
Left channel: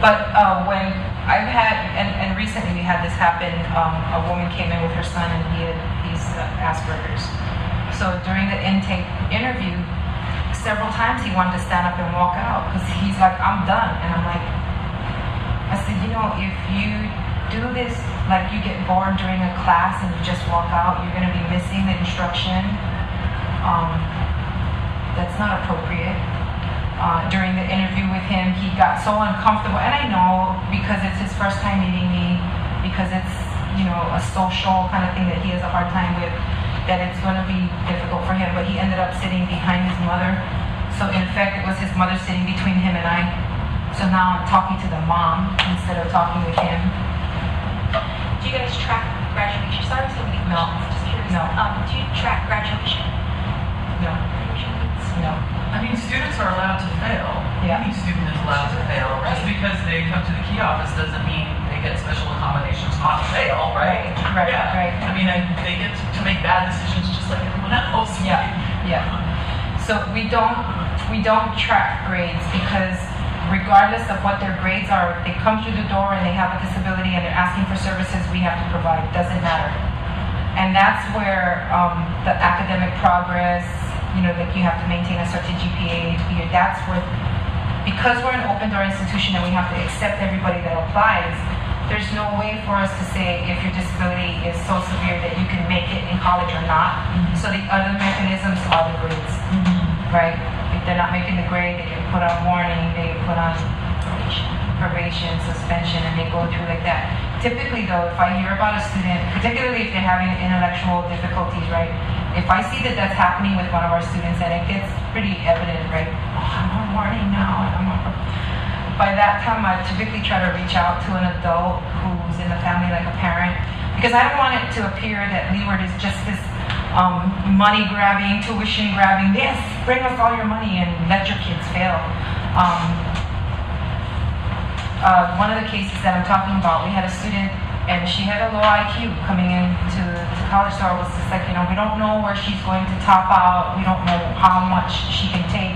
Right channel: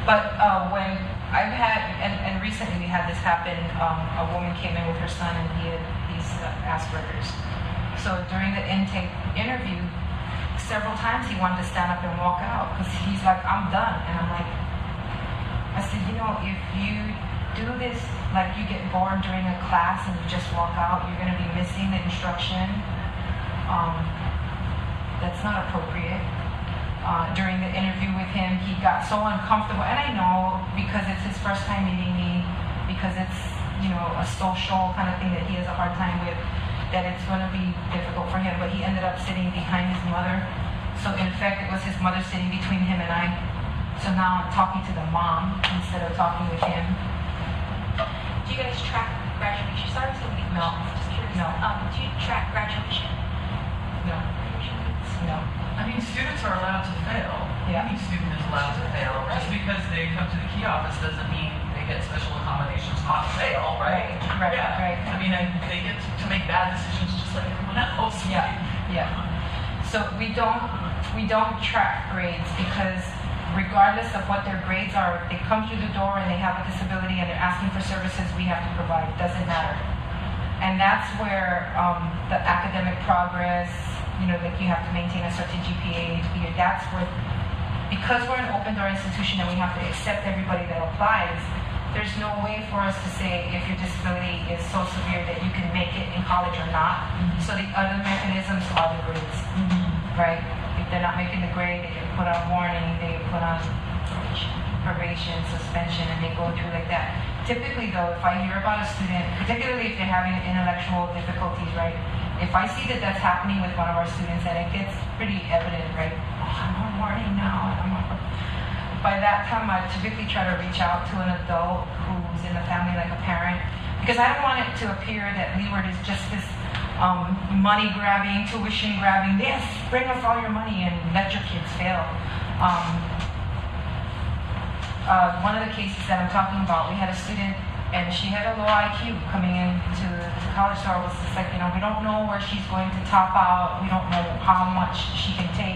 But when I've had, and recently we had this happen, a woman came in with her son and he's Asperger's. So during the intake interview, several times he wanted to stand up and walk out because he's like, I'm done. And I'm like, I said, if you do this, like you get bored during a class and you just walk out, you're going to be missing the instruction. That's not appropriate. During the interview with him, he got so uncomfortable, and I know because it's his first time meeting me, because it's a social kind of thing that he has a hard time with, that it's going to be difficult for him. But he ended up sitting behind his mother, so in fact it was his mother sitting between him and I. So now I'm talking to the mom instead of talking with him. Do you guys track graduation? Sorry, so many questions. No. Just curious. No. Do you track graduation? No. No. I mean, students are allowed to fail. Yeah. Any student is allowed to fail. Just because they come to the key office doesn't mean they get special accommodations not to fail, right? Right. Yeah. Right. I mean, they get to make bad decisions just like everyone else. Yeah. So we don't track grades because regardless of what their grades are, if they come through the door and they have a disability and they're asking for services we have to provide, doesn't matter. And that's where the academic progress, like you have to maintain a certain GPA, that's where, because we're an open door institution and we have to accept everybody that applies, there's no way for us to say if your disability is so severe that you can make it in college or not. So the other mechanisms are the grades, right? If they're not making the grade, they can put on warning, they put on probation, suspension, and they go through like that. Typically though, if I hear about a student, particularly if they're having intellectual difficulties, right? If I see that that's happening with one of our students and it gets pretty evident, right? I'm on warning now. By that time, I typically try to reach out to an adult who's in the family, like a parent, because I don't want it to appear that Leeward is just this money grabbing, tuition grabbing, yes, bring us all your money and let your kids fail. One of the cases that I'm talking about, we had a student and she had a low IQ coming into college, so I was just like, we don't know where she's going to top out, we don't know how much she can take.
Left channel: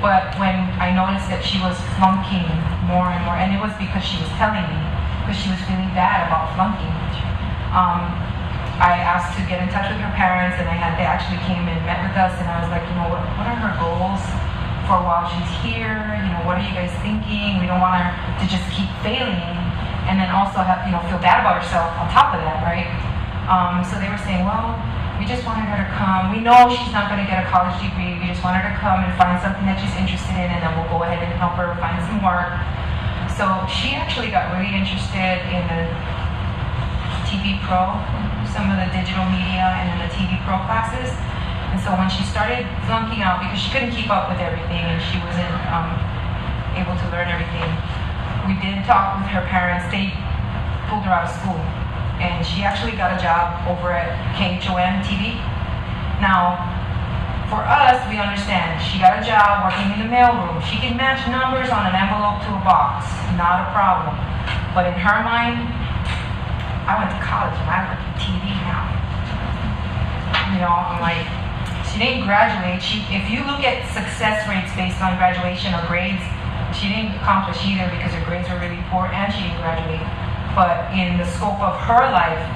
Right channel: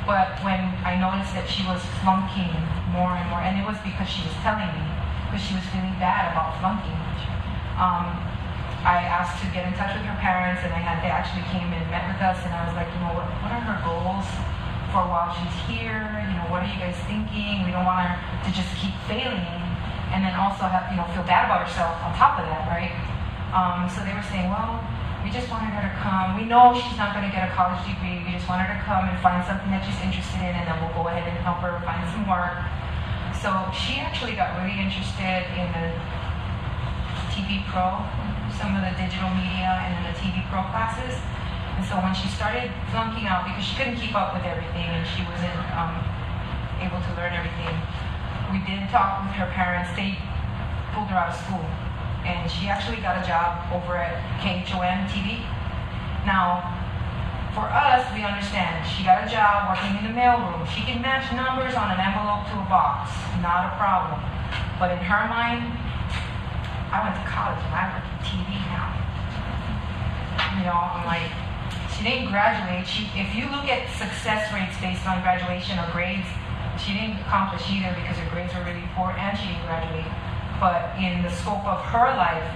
But when I noticed that she was flunking more and more, and it was because she was telling me, because she was feeling bad about flunking. I asked to get in touch with her parents, and they actually came and met with us, and I was like, what are her goals for while she's here? What are you guys thinking? We don't want her to just keep failing, and then also have, feel bad about herself on top of that, right? So they were saying, well, we just wanted her to come. We know she's not going to get a college degree. We just want her to come and find something that she's interested in, and then we'll go ahead and help her find some work. So she actually got really interested in the TV Pro some of the digital media and the TV Pro classes. And so when she started flunking out because she couldn't keep up with everything and she wasn't able to learn everything, we did talk with her parents. They pulled her out of school. And she actually got a job over at KHON TV. Now, for us, we understand. She got a job working in the mailroom. She can match numbers on an envelope to a box. Not a problem. But in her mind, I went to college and I work in TV now. You know, I'm like, she didn't graduate. If you look at success rates based on graduation or grades, she didn't accomplish either because her grades were really poor and she didn't graduate. But in the scope of her life,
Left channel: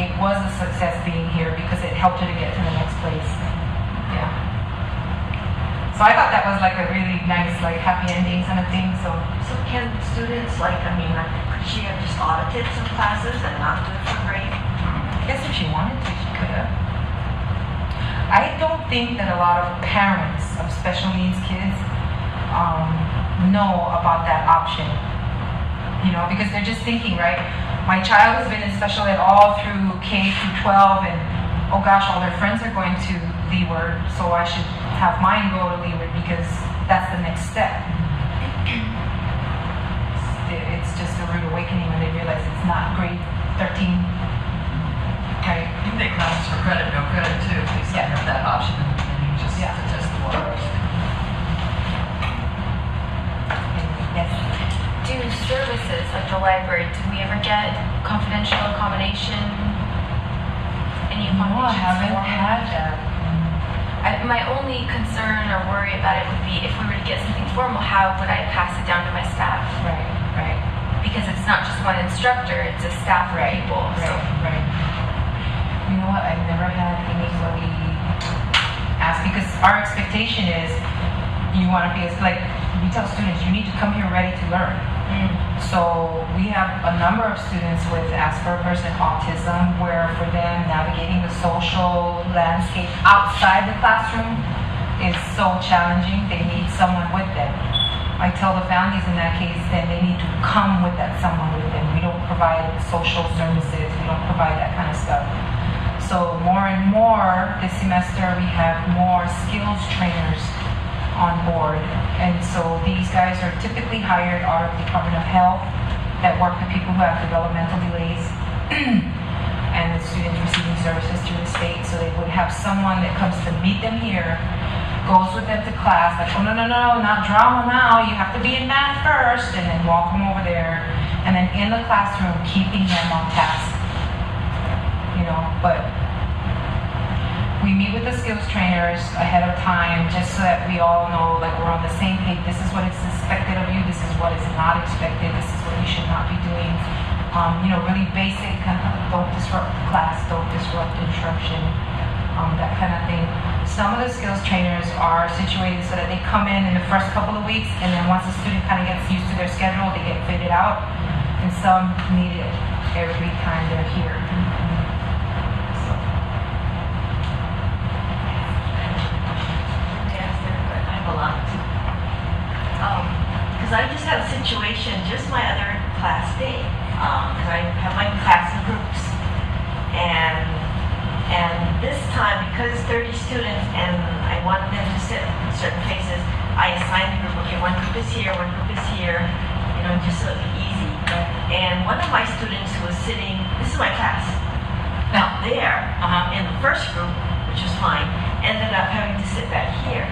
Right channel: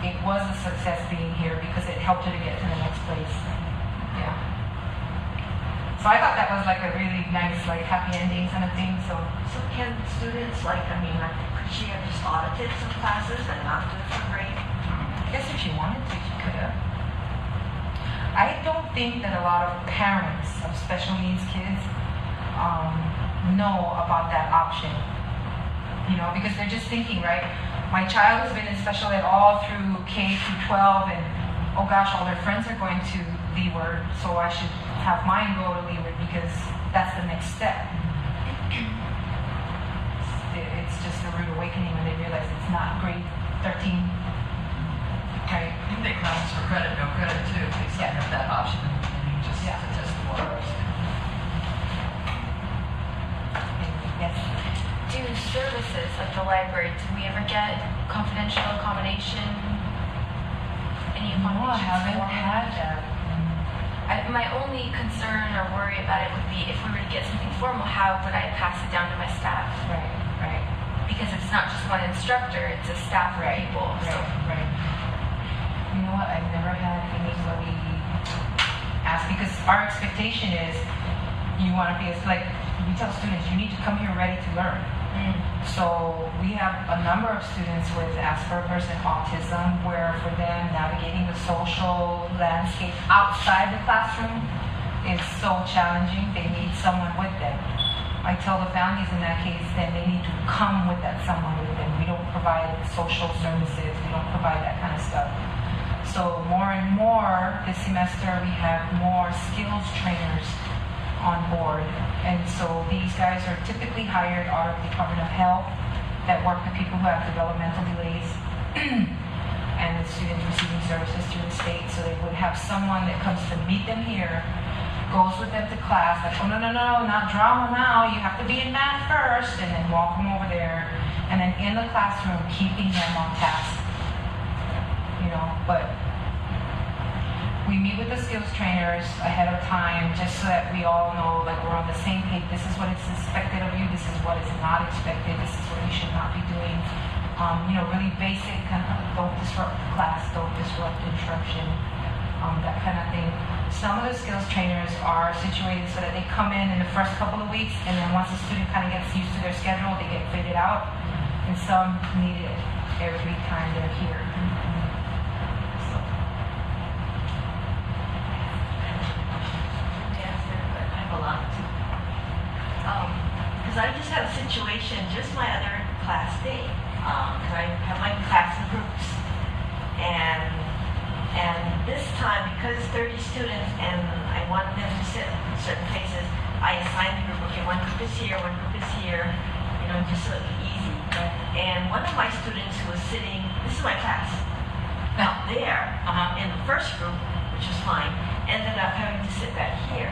it was a success being here because it helped her to get to the next place. Yeah. So I thought that was like a really nice, like happy ending kind of thing. So can students, like, I mean, like, could she have just audited some classes and not do it for grade? I guess if she wanted to, she could have. I don't think that a lot of parents of special needs kids know about that option. You know, because they're just thinking, right? My child has been in special ed all through K through 12, and oh gosh, all their friends are going to Leeward, so I should have mine go to Leeward because that's the next step. It's just a rude awakening when they realize it's not grade 13. Right? You make rounds for credit, no credit too. If you have that option, and you just test the waters. Yes. Do services at the library, do we ever get confidential accommodation? Any No, I accommodations? haven't had that. My only concern or worry about it would be if we were to get something formal, how would I pass it down to my staff? Right. Because it's not just one instructor, it's a staff of people. So Right. You know what? I've never had anybody ask because our expectation is you want to be like we tell students you need to come here ready to learn. So we have a number of students with Asperger's and autism where for them navigating the social landscape outside the classroom is so challenging. They need someone with them. I tell the families in that case then they need to come with that someone with them. We don't provide social services. We don't provide that kind of stuff. So more and more this semester we have more skills trainers on board. And so these guys are typically hired out of the Department of Health that work with people who have developmental delays and the students receiving services through the state. So they would have someone that comes to meet them here, goes with them to class, like, oh no, not drama now, you have to be in math first, and then walk them over there. And then in the classroom, keeping them on task. You know, but we meet with the skills trainers ahead of time just so that we all know, like, we're on the same page. This is what is expected of you. This is what is not expected. This is what you should not be doing. You know, really basic, don't disrupt class, don't disrupt instruction, that kind of thing. Some of the skills trainers are situated so that they come in the first couple of weeks, and then once the student kind of gets used to their schedule, they get fitted out. And some need it every time they're here. Because I just had a situation just my other class day. Because I have my class in groups, and this time because it's 30 students and I wanted them to sit in certain places, I assigned a group. Okay, one group is here, one group is here. You know, just so it'd be easy. And one of my students who was sitting, this is my class, out there in the first group, which was fine, ended up having to sit back here.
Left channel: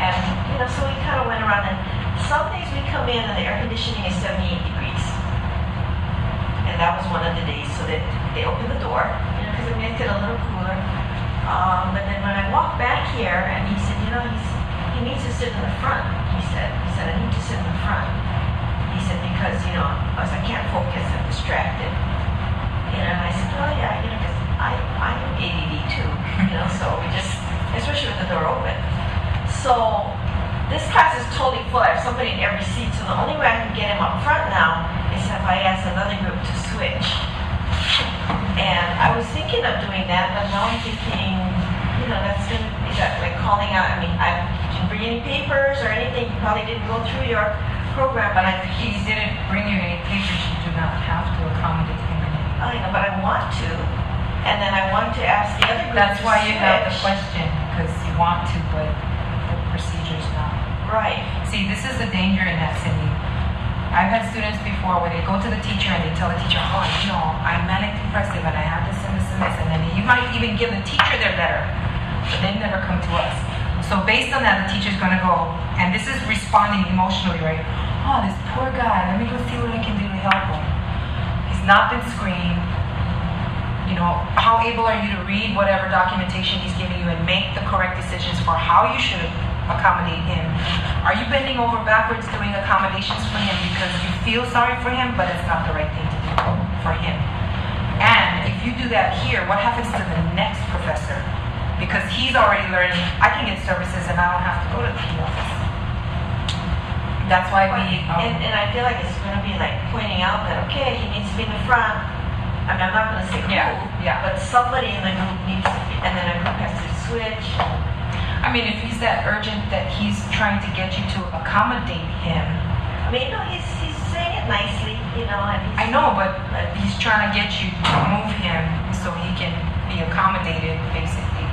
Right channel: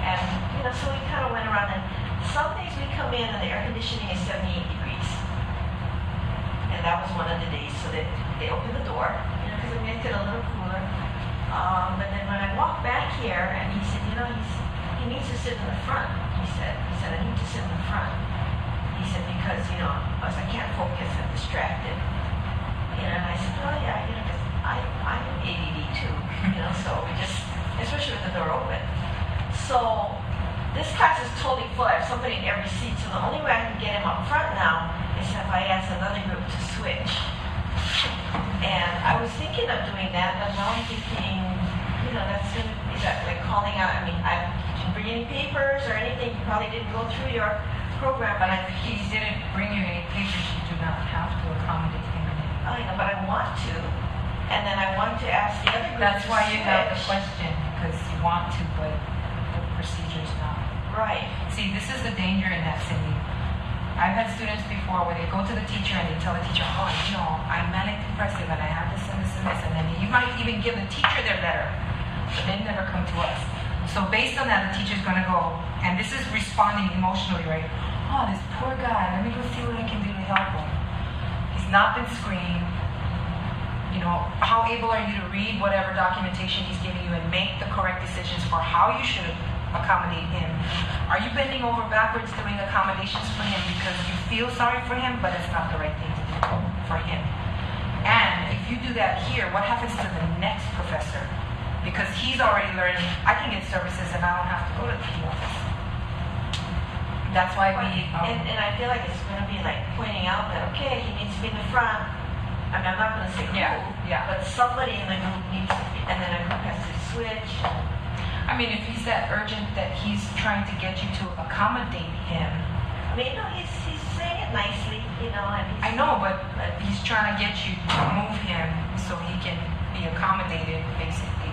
And you know, so we kind of went around, and some days we come in and the air conditioning is 78 degrees. And that was one of the days, so that they opened the door, you know, because it makes it a little cooler. But then when I walked back here, and he said, you know, he needs to sit in the front. He said, I need to sit in the front. He said, because, you know, I can't focus, I'm distracted. You know, and I said, oh yeah, you know, because I'm ADD too, you know, so we just, especially with the door open. So this class is totally full. I have somebody in every seat, so the only way I can get him up front now is if I ask another group to switch. And I was thinking of doing that, but now I'm thinking, you know, that's going to be that, like calling out. I mean, I didn't bring any papers or anything. You probably didn't go through your program, but If he didn't bring you any papers, you do not have to accommodate him. I know, but I want to. And then I wanted to ask the other group. That's to why you have the switch. question, because you want to, but the procedure's not. Right. See, this is the danger in that, Cindy. I've had students before where they go to the teacher and they tell the teacher, oh, you know, I'm manic depressive and I have this and this and this, and then you might even give the teacher their letter, but they never come to us. So based on that, the teacher's gonna go, and this is responding emotionally, right? Oh, this poor guy, let me go see what I can do to help him. He's not been screened. You know, how able are you to read whatever documentation he's giving you and make the correct decisions for how you should accommodate him? Are you bending over backwards doing accommodations for him because you feel sorry for him, but it's not the right thing to do for him? And if you do that here, what happens to the next professor? Because he's already learning, I can get services and I don't have to go to the P office. That's why we... And I feel like it's going to be like pointing out that, okay, he needs to be in the front. I mean, I'm not going to say who, but somebody in the group needs to be, and then a group has to switch. I mean, if he's that urgent that he's trying to get you to accommodate him. I mean, no, he's saying it nicely, you know. And I know, but he's trying to get you to move him so he can be accommodated, basically.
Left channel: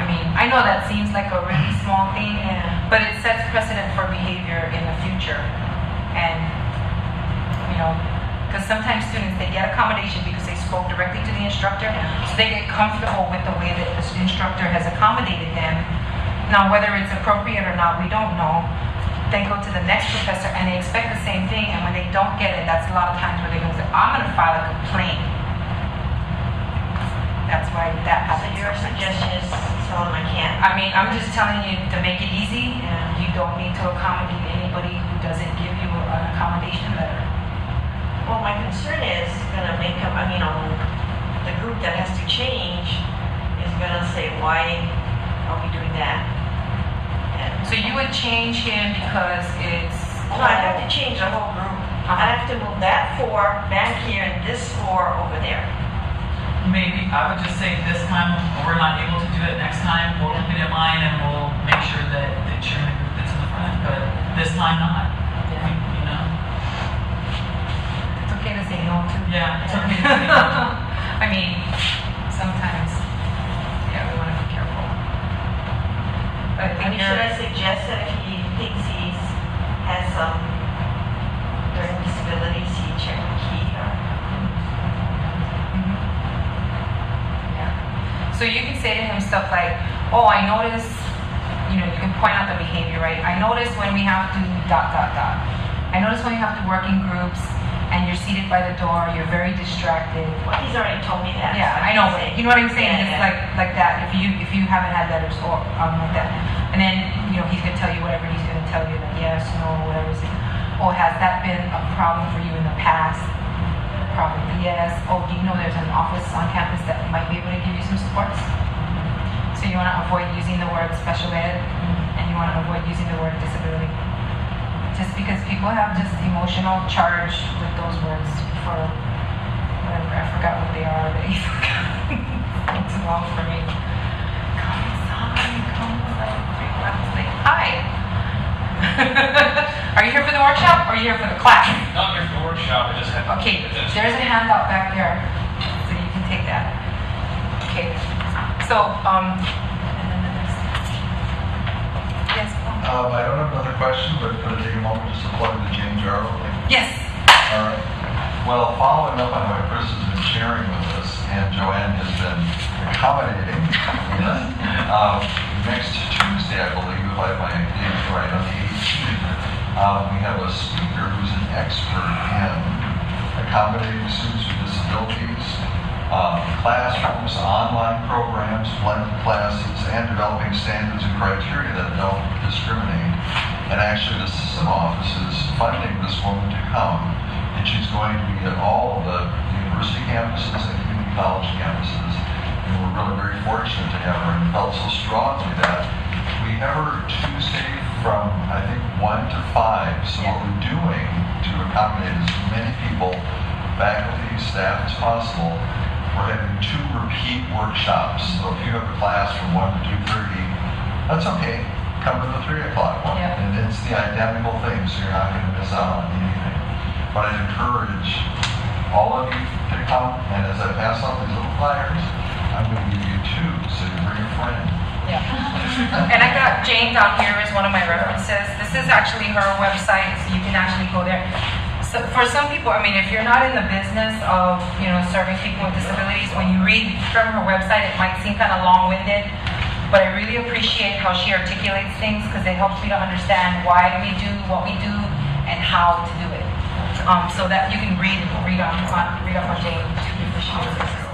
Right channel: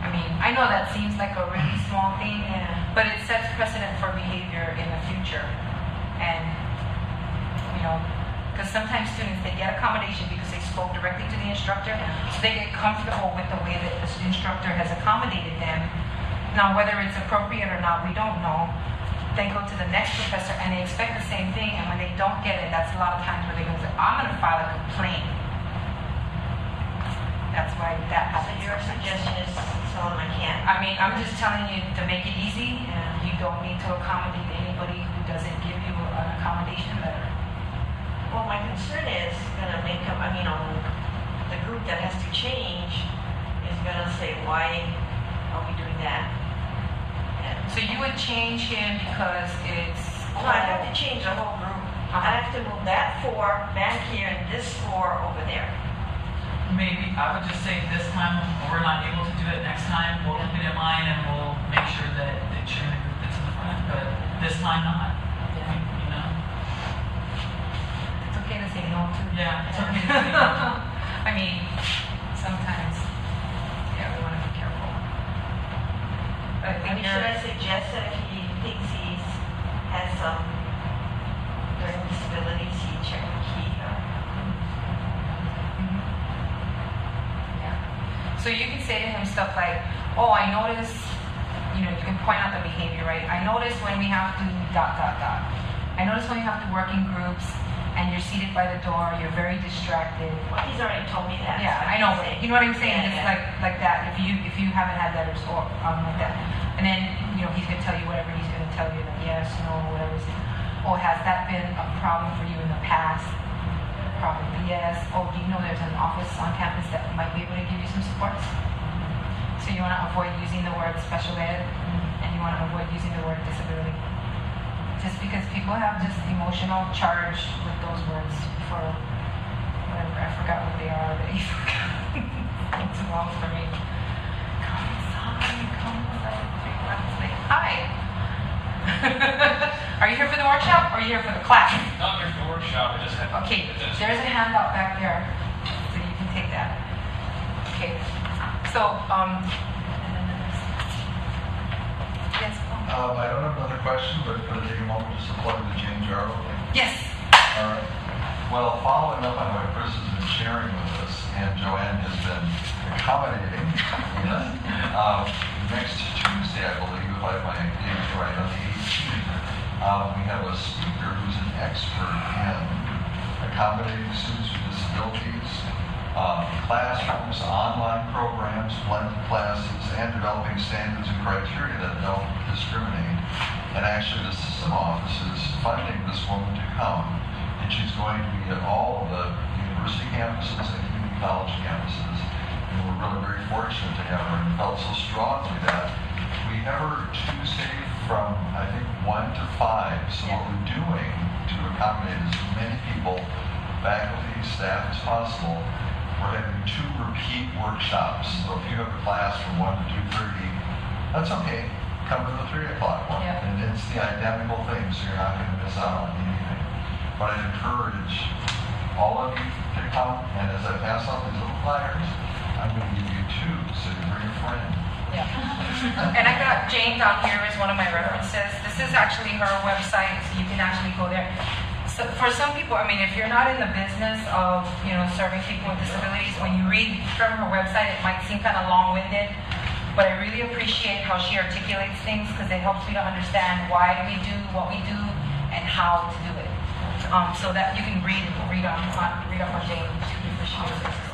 I mean, I know that seems like a really small thing, but it sets precedent for behavior in the future. And, you know, because sometimes students, they get accommodation because they spoke directly to the instructor, so they get comfortable with the way that the instructor has accommodated them. Now, whether it's appropriate or not, we don't know. They go to the next professor and they expect the same thing, and when they don't get it, that's a lot of times where they go, I'm going to file a complaint. That's why that So happens. your suggestion is tell them I can't. I mean, I'm just telling you to make it easy. You don't need to accommodate anybody who doesn't give you an accommodation letter. Well, my concern is going to make them, I mean, the group that has to change is going to say, why are we doing that? So you would change him because it's... No, I have to change the whole group. I have to move that 4 back here and this 4 over there. Maybe I would just say this time we're not able to do it. Next time we'll look at mine and we'll make sure that you're in a group that's in the front. But this time not. You know. It's okay to say no to. Yeah, it's okay to say no. I mean, sometimes, yeah, we want to be careful. But I mean, should I suggest that if he thinks he has learning disabilities, he check the key or? So you can say to him stuff like, oh, I notice, you know, you can point out the behavior, right? I notice when we have to ... I notice when you have to work in groups and you're seated by the door, you're very distracted. Well, he's already told me that. Yeah, I know. You know what I'm saying? It's like that. If you haven't had letters or like that, and then you know he's gonna tell you whatever he's gonna tell you. Like, yes, no, whatever. Oh, has that been a problem for you in the past? Probably yes. Oh, do you know there's an office on campus that might be able to give you some supports? So you want to avoid using the word special ed, and you want to avoid using the word disability. Just because people have just emotional charge with those words for whatever, I forgot what they are already. It's too long for me. Come inside. People have to say, hi. Are you here for the workshop or are you here for the class? Not here for the workshop, I just have. Okay, there's a handout back there, so you can take that. Okay, so, yes. I don't have another question, but could I take a moment to support the James Jarrell thing? Yes. Well, following up on what Chris has been sharing with us, and Joanne has been accommodating, next Tuesday, I believe, if I have my dates right, on the 18th, we have a speaker who's an expert in accommodating students with disabilities, classrooms, online programs, blended classes, and developing standards and criteria that don't discriminate. And actually, the system office is funding this woman to come, and she's going to be at all the university campuses and community college campuses. And we're really very fortunate to have her, and felt so strongly that we have her Tuesday from, I think, 1 to 5. So what we're doing to accommodate as many people, faculty, staff as possible, we're having 2 repeat workshops. So if you have a class from 1 to 2:30, that's okay. Come to the 3 o'clock one. Yeah. And it's the identical thing, so you're not going to miss out on anything. But I encourage all of you to come, and as I pass out these little flyers, I'm going to give you two, so you bring a friend. Yeah. And I got Jane down here as one of my references. This is actually her website, so you can actually go there. So for some people, I mean, if you're not in the business of, serving people with disabilities, when you read from her website, it might seem kind of long-winded, but I really appreciate how she articulates things because it helps me to understand why we do what we do and how to do it. So that you can read on Jane before she uses